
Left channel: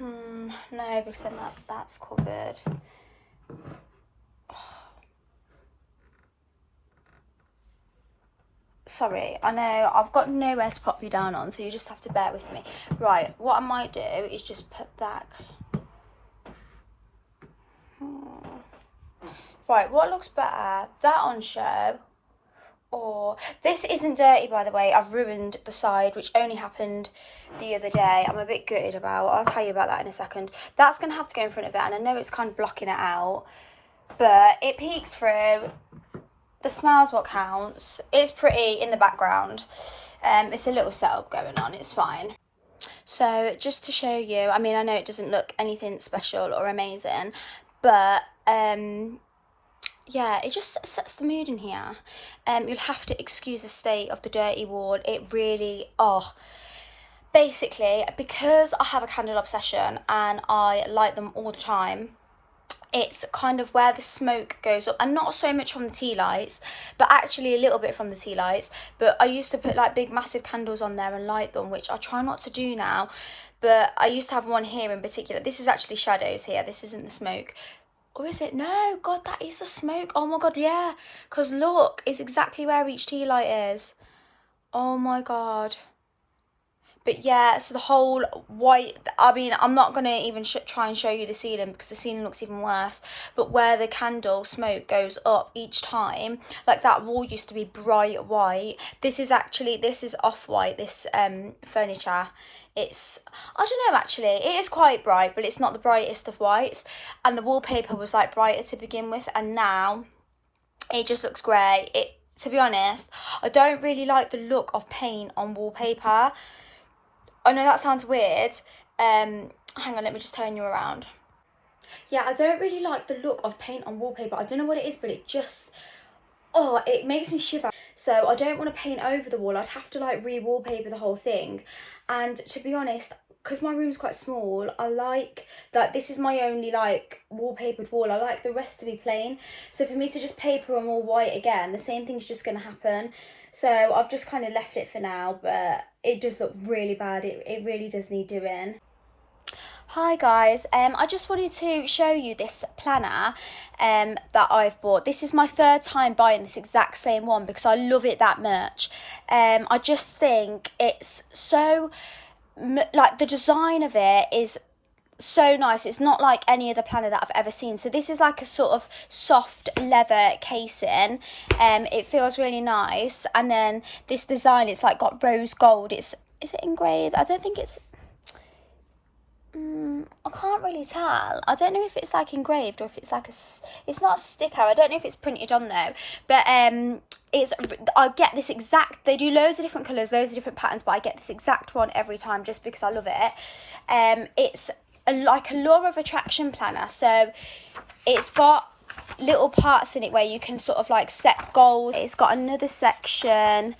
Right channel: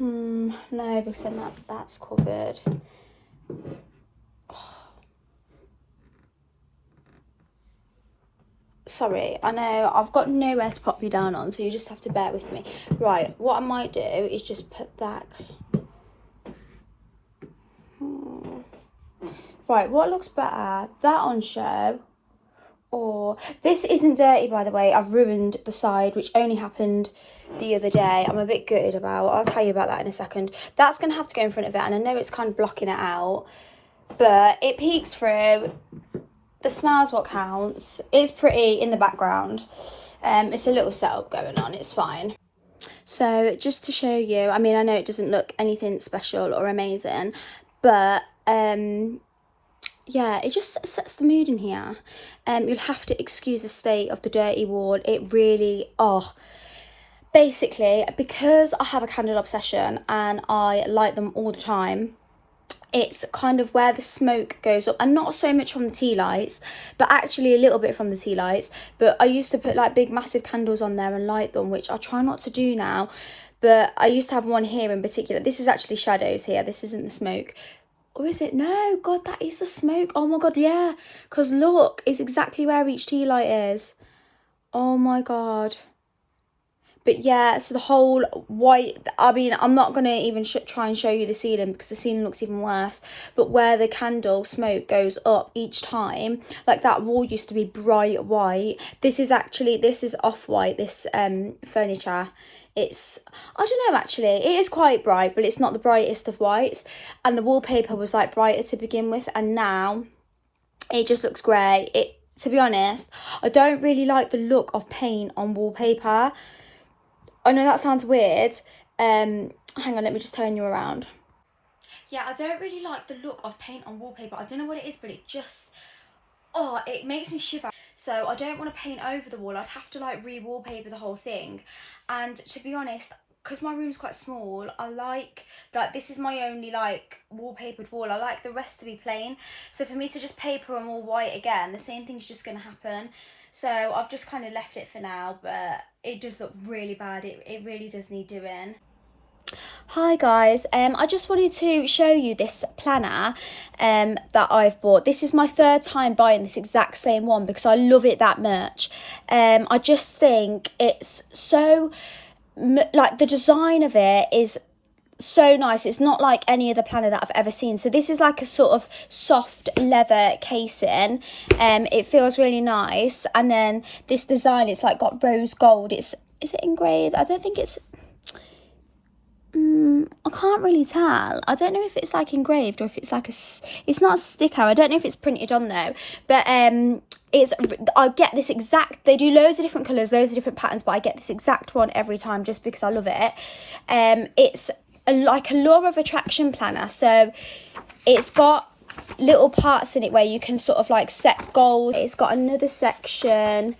No, because then that's covered. Sorry, I know I've got nowhere to pop you down on, so you just have to bear with me. Right, what I might do is just put that. Right, what looks better? That on show, or this isn't dirty, by the way. I've ruined the side, which only happened the other day. I'm a bit gutted about. I'll tell you about that in a second. That's gonna have to go in front of it, and I know it's kind of blocking it out, but it peeks through. The smell's what counts. It's pretty in the background. It's a little setup going on, it's fine. So just to show you, I mean, I know it doesn't look anything special or amazing, but yeah, it just sets the mood in here. You'll have to excuse the state of the dirty wall. It really, basically, because I have a candle obsession and I light them all the time, it's kind of where the smoke goes up, and not so much from the tea lights, but actually a little bit from the tea lights. But I used to put like big massive candles on there and light them, which I try not to do now, but I used to have one here in particular. This is actually shadows here, this isn't the smoke. Or is it? No, God, that is the smoke. Oh my God, yeah, because look, it's exactly where each tea light is. Oh my God. But yeah, so the whole white, I mean, I'm not going to even try and show you the ceiling because the ceiling looks even worse. But where the candle smoke goes up each time, like that wall used to be bright white. This is off-white, this furniture. It's, I don't know actually, it is quite bright, but it's not the brightest of whites. And the wallpaper was like brighter to begin with, and now it just looks grey. To be honest, I don't really like the look of paint on wallpaper. I know that sounds weird. Hang on, let me just turn you around. Yeah, I don't really like the look of paint on wallpaper. I don't know what it is, but it just, oh, it makes me shiver. So I don't want to paint over the wall. I'd have to like re-wallpaper the whole thing. And to be honest, because my room's quite small, I like that this is my only like wallpapered wall. I like the rest to be plain. So for me to just paper them all white again, the same thing's just going to happen. So I've just kind of left it for now, but it does look really bad. It really does need doing. Hi guys, I just wanted to show you this planner that I've bought. This is my third time buying this exact same one because I love it that much. I just think it's so, like the design of it is so nice. It's not like any other planner that I've ever seen. So this is like a sort of soft leather casing. It feels really nice. And then this design, it's like got rose gold. Is it engraved? I don't think it's, I can't really tell. I don't know if it's like engraved or if it's like it's not a sticker. I don't know if it's printed on though, but I get this exact, they do loads of different colours, loads of different patterns, but I get this exact one every time just because I love it. It's like a law of attraction planner, so it's got little parts in it where you can sort of like set goals. It's got another section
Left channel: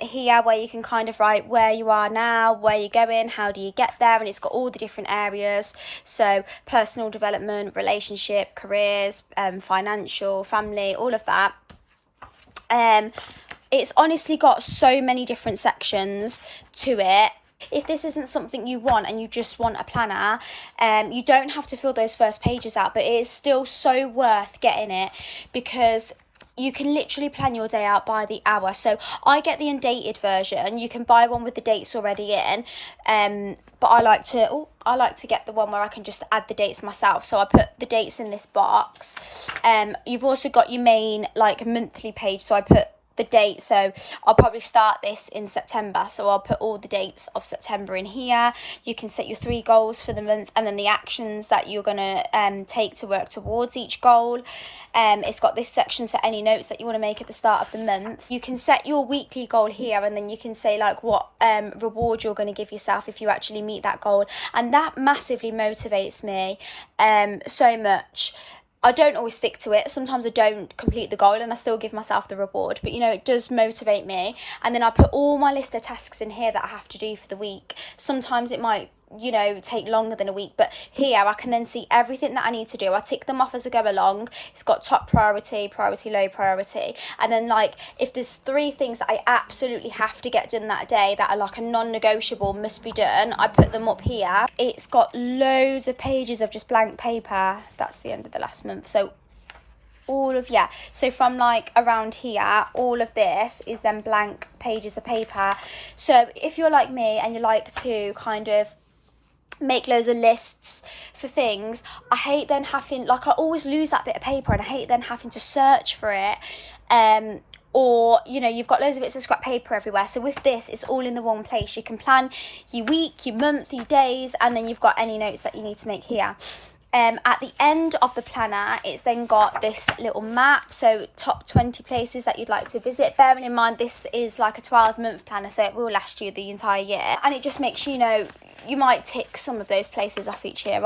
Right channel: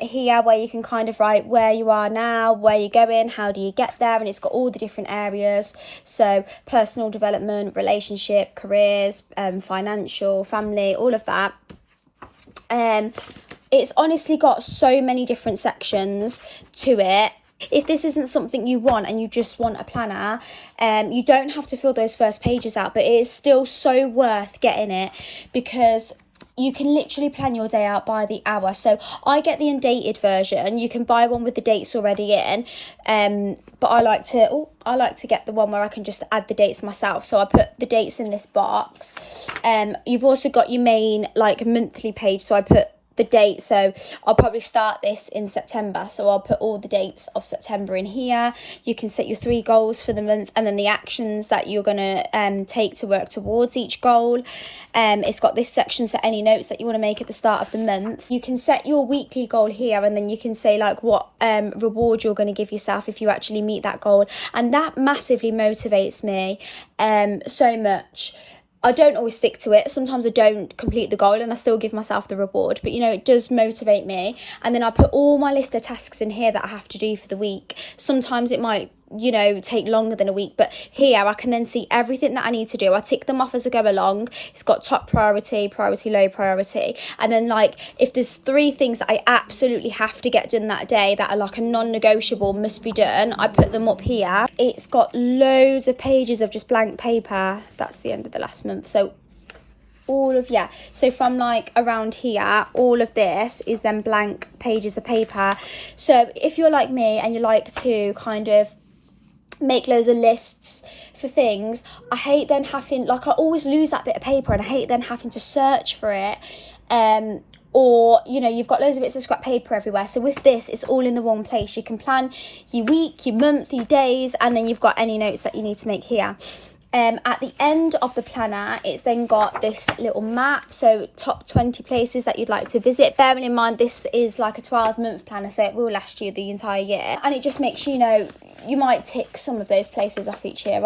here where you can kind of write where you are now, where you're going, how do you get there, and it's got all the different areas, so personal development, relationship, careers, financial, family, all of that. It's honestly got so many different sections to it. If this isn't something you want and you just want a planner, you don't have to fill those first pages out, but it is still so worth getting it because you can literally plan your day out by the hour. So I get the undated version. You can buy one with the dates already in, but I like to get the one where I can just add the dates myself. So I put the dates in this box. You've also got your main like monthly page, so I put the date, so I'll probably start this in September, so I'll put all the dates of September in here. You can set your 3 goals for the month and then the actions that you're gonna take to work towards each goal. It's got this section, so any notes that you want to make at the start of the month. You can set your weekly goal here, and then you can say like what reward you're going to give yourself if you actually meet that goal, and that massively motivates me so much. I don't always stick to it. Sometimes I don't complete the goal and I still give myself the reward. But, you know, it does motivate me. And then I put all my list of tasks in here that I have to do for the week. Sometimes it might, you know, take longer than a week. But here I can then see everything that I need to do. I tick them off as I go along. It's got top priority, priority, low priority. And then, like, if there's 3 things that I absolutely have to get done that day that are like a non-negotiable, must be done, I put them up here. It's got loads of pages of just blank paper. That's the end of the last month. So so from like around here, all of this is then blank pages of paper. So if you're like me and you like to kind of make loads of lists for things, I hate then having, like, I always lose that bit of paper and I hate then having to search for it. Or, you know, you've got loads of bits of scrap paper everywhere. So with this, it's all in the one place. You can plan your week, your month, your days, and then you've got any notes that you need to make here. At the end of the planner, it's then got this little map, so top 20 places that you'd like to visit. Bearing in mind this is like a 12-month planner, so it will last you the entire year, and it just makes you know, you might tick some of those places off each year.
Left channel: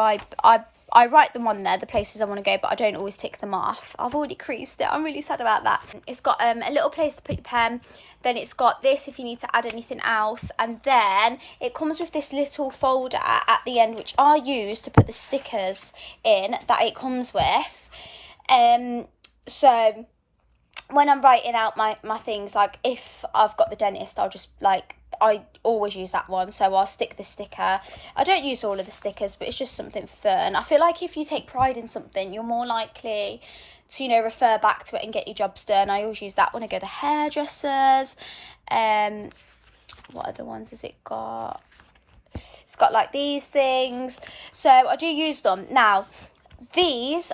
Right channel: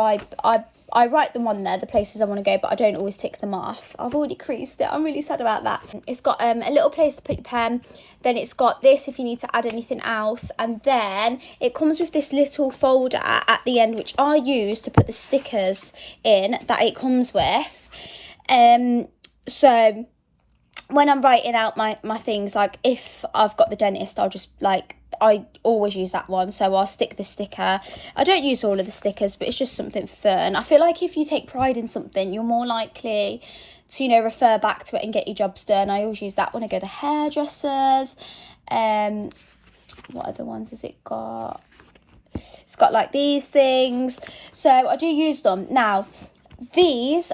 I write them on there, the places I want to go, but I don't always tick them off. I've already creased it. I'm really sad about that. It's got a little place to put your pen. Then it's got this if you need to add anything else. And then it comes with this little folder at the end, which I use to put the stickers in that it comes with. So when I'm writing out my things, like if I've got the dentist, I'll just like, I always use that one, so I'll stick the sticker. I don't use all of the stickers, but it's just something fun. I feel like if you take pride in something, you're more likely to, you know, refer back to it and get your jobs done. I always use that when I go to hairdressers. What other ones has it got? It's got like these things. So I do use them. Now, these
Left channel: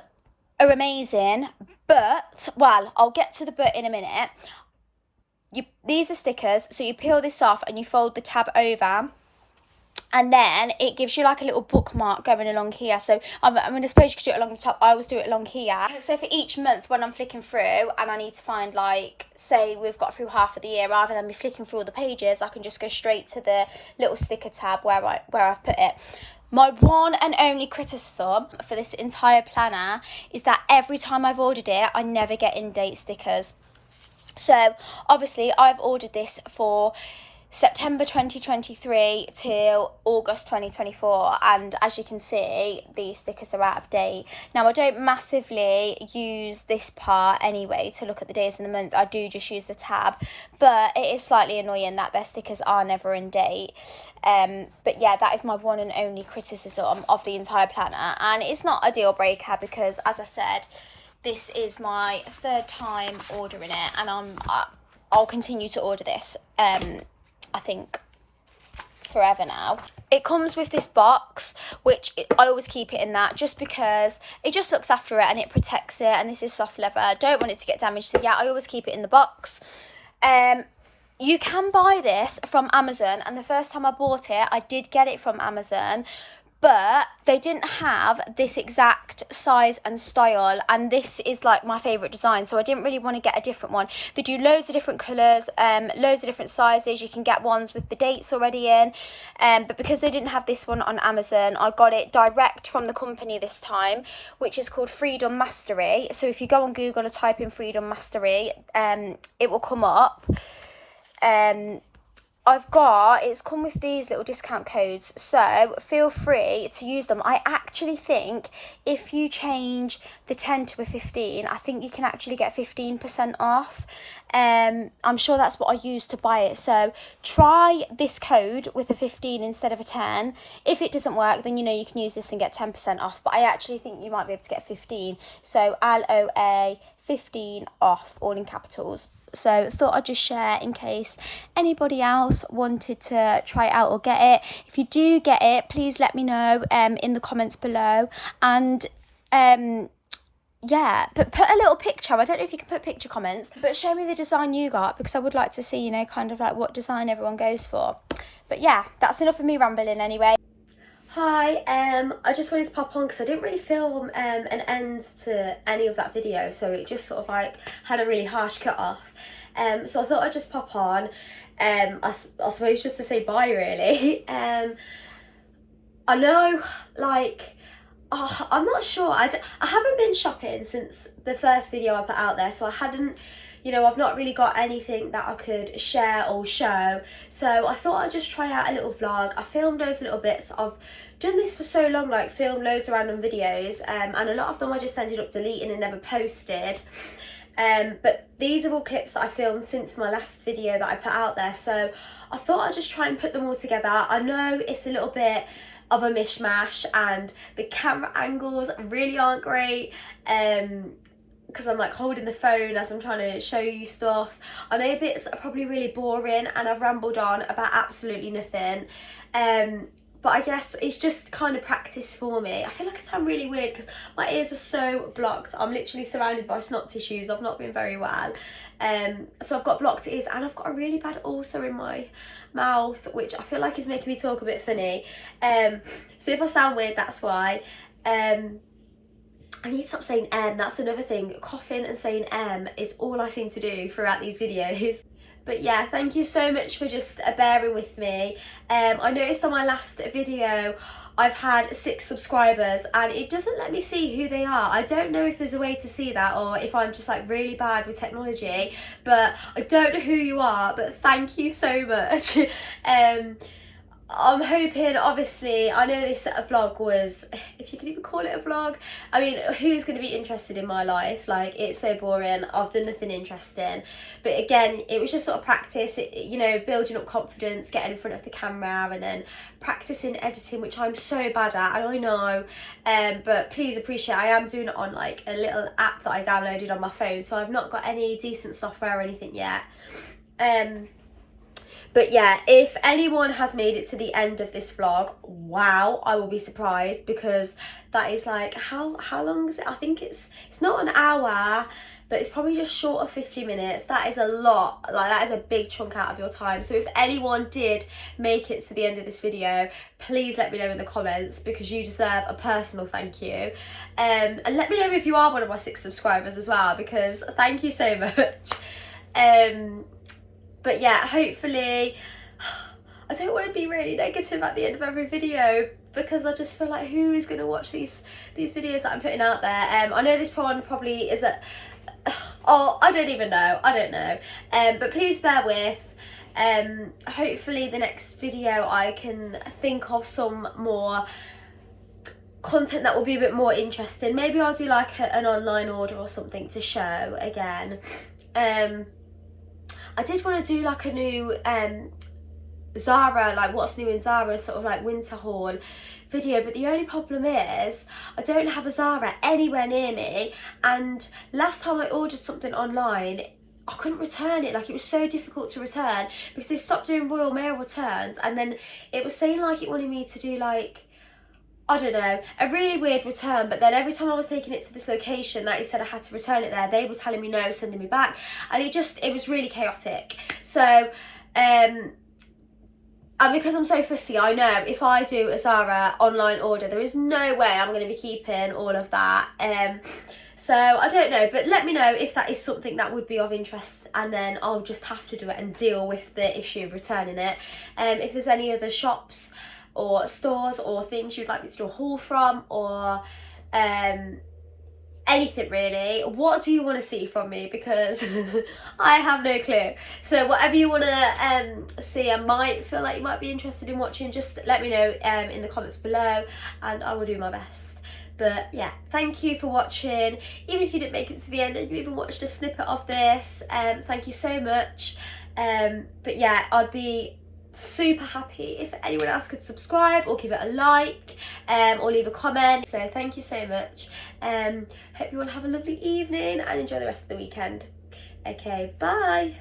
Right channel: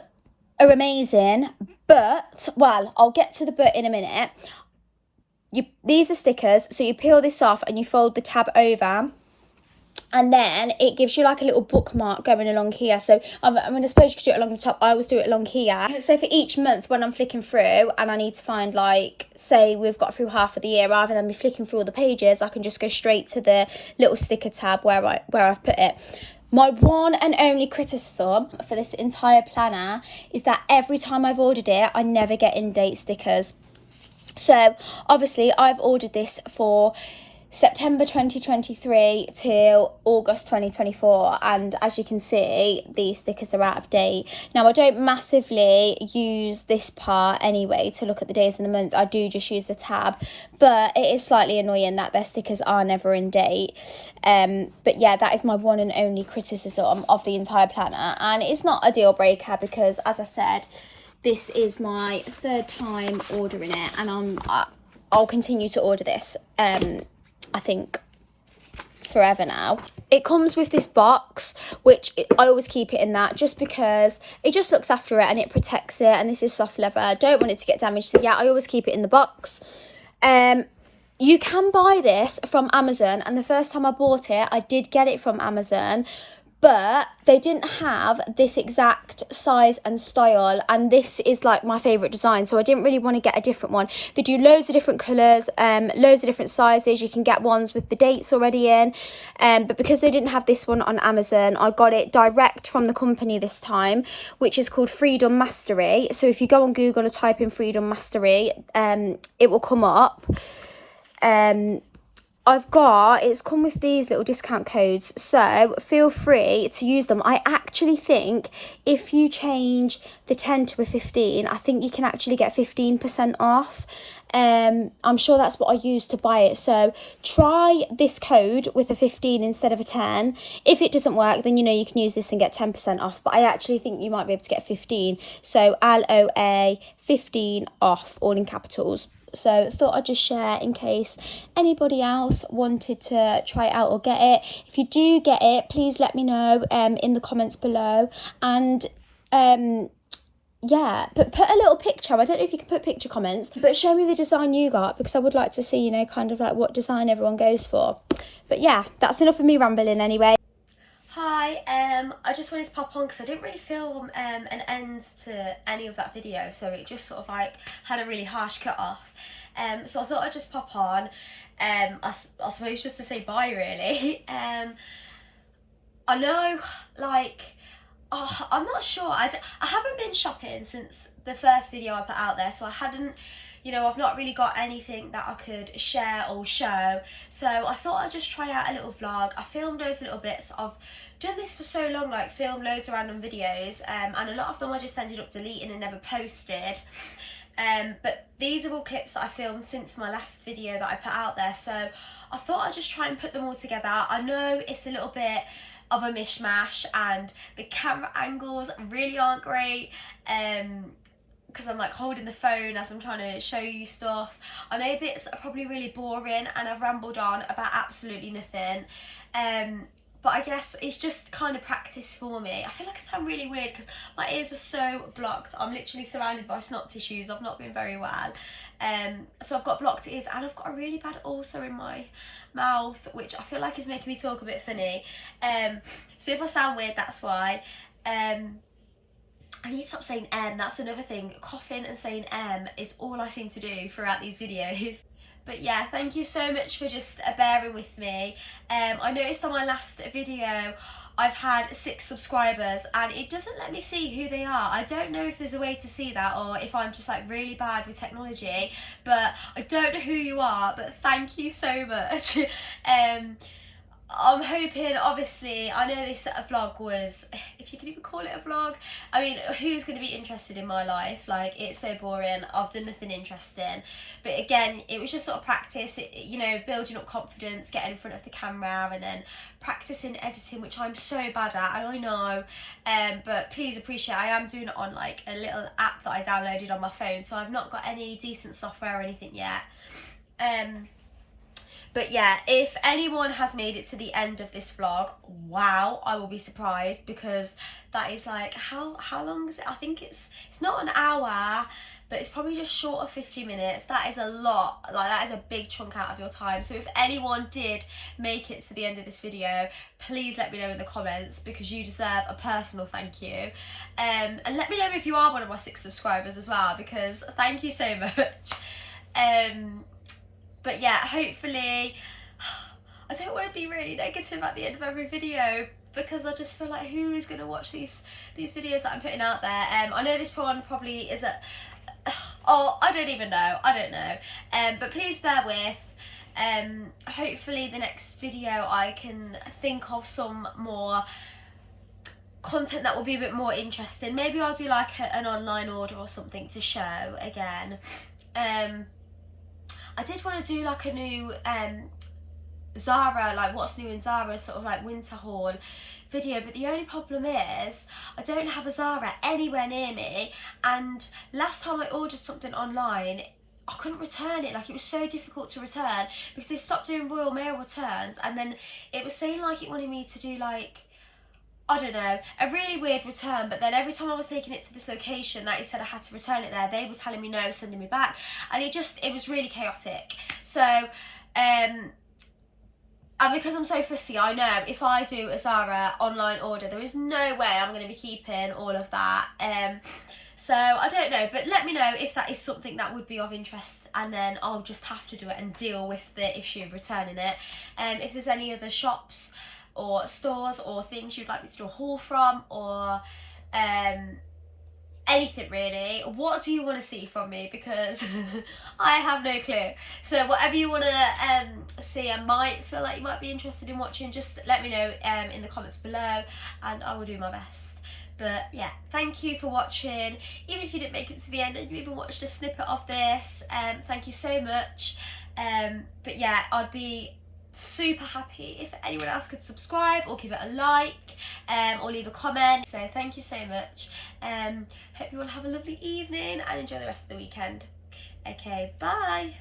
are amazing, but, well, I'll get to the but in a minute. These are stickers, so you peel this off and you fold the tab over, and then it gives you like a little bookmark going along here. So I mean, I suppose you could do it along the top. I always do it along here. So for each month when I'm flicking through and I need to find, like, say we've got through half of the year, rather than me flicking through all the pages, I can just go straight to the little sticker tab where I've put it. My one and only criticism for this entire planner is that every time I've ordered it, I never get in-date stickers. So obviously I've ordered this for September 2023 till August 2024, and as you can see, these stickers are out of date. Now, I don't massively use this part anyway to look at the days in the month. I do just use the tab, but it is slightly annoying that their stickers are never in date. But yeah, that is my one and only criticism of the entire planner, and it's not a deal breaker because, as I said, this is my third time ordering it, and I'll continue to order this. I think forever now. It comes with this box, which I always keep it in that, just because it just looks after it and it protects it, and this is soft leather. I don't want it to get damaged, so yeah, I always keep it in the box. You can buy this from Amazon, and the first time I bought it, I did get it from Amazon, but they didn't have this exact size and style, and this is like my favourite design, so I didn't really want to get a different one. They do loads of different colours, loads of different sizes. You can get ones with the dates already in, but because they didn't have this one on Amazon, I got it direct from the company this time, which is called Freedom Mastery. So if you go on Google and type in Freedom Mastery, it will come up. It's come with these little discount codes, so feel free to use them. I actually think if you change the 10 to a 15, I think you can actually get 15% off. I'm sure that's what I used to buy it, so try this code with a 15 instead of a 10. If it doesn't work, then you can use this and get 10% off, but I actually think you might be able to get 15, so LOA 15 off, all in capitals. So thought I'd just share in case anybody else wanted to try it out or get it. If you do get it, please let me know in the comments below, and yeah, but put a little picture. I don't know if you can put picture comments, but show me the design you got, because I would like to see, kind of like what design everyone goes for. But yeah, that's enough of me rambling anyway. Hi, I just wanted to pop on because I didn't really film an end to any of that video, so it just sort of like had a really harsh cut off. So I thought I'd just pop on, I suppose just to say bye really. I know, like, I'm not sure. I haven't been shopping since the first video I put out there, so I hadn't, I've not really got anything that I could share or show. So I thought I'd just try out a little vlog. I filmed those little bits. I've done this for so long, like filmed loads of random videos, and a lot of them I just ended up deleting and never posted. But these are all clips that I filmed since my last video that I put out there. So I thought I'd just try and put them all together. I know it's a little bit of a mishmash and the camera angles really aren't great, because I'm like holding the phone as I'm trying to show you stuff. I know bits are probably really boring and I've rambled on about absolutely nothing, but I guess it's just kind of practice for me. I feel like I sound really weird because my ears are so blocked. I'm literally surrounded by snot tissues. I've not been very well, so I've got blocked ears and I've got a really bad ulcer in my mouth, which I feel like is making me talk a bit funny, so if I sound weird, that's why. I need to stop saying that's another thing. Coughing and saying is all I seem to do throughout these videos. But yeah, thank you so much for just bearing with me. I noticed on my last video I've had 6 subscribers and it doesn't let me see who they are. I don't know if there's a way to see that or if I'm just like really bad with technology, but I don't know who you are, but thank you so much. I'm hoping, obviously, I know this vlog was, if you can even call it a vlog, I mean, who's going to be interested in my life? Like, it's so boring. I've done nothing interesting. But again, it was just sort of practice, building up confidence, getting in front of the camera, and then practicing editing, which I'm so bad at, and I know, but please appreciate I am doing it on like a little app that I downloaded on my phone, so I've not got any decent software or anything yet. But yeah, if anyone has made it to the end of this vlog, wow, I will be surprised, because that is like, how long is it? I think it's not an hour, but it's probably just short of 50 minutes. That is a lot, like that is a big chunk out of your time. So if anyone did make it to the end of this video, please let me know in the comments, because you deserve a personal thank you. And let me know if you are one of my 6 subscribers as well, because thank you so much. But yeah, hopefully, I don't want to be really negative at the end of every video, because I just feel like, who is going to watch these videos that I'm putting out there? I know this one probably is oh, I don't even know. I don't know. But please bear with. Hopefully the next video I can think of some more content that will be a bit more interesting. Maybe I'll do like an online order or something to show again. I did want to do like a new Zara, like what's new in Zara, sort of like winter haul video, but the only problem is I don't have a Zara anywhere near me, and last time I ordered something online, I couldn't return it. Like, it was so difficult to return because they stopped doing Royal Mail returns, and then it was saying like it wanted me to do like, I don't know, a really weird return, but then every time I was taking it to this location that he said I had to return it there, they were telling me no, sending me back, and it was really chaotic. So and because I'm so fussy, I know if I do a Zara online order, there is no way I'm going to be keeping all of that. So I don't know, but let me know if that is something that would be of interest, and then I'll just have to do it and deal with the issue of returning it. If there's any other shops or stores or things you'd like me to do a haul from, or anything really, what do you want to see from me, because I have no clue. So whatever you want to see, I might feel like you might be interested in watching, just let me know in the comments below, and I will do my best. But yeah, thank you for watching. Even if you didn't make it to the end and you even watched a snippet of this, thank you so much. But yeah, I'd be super happy if anyone else could subscribe or give it a like, or leave a comment. So thank you so much. Hope you all have a lovely evening and enjoy the rest of the weekend. Okay, bye.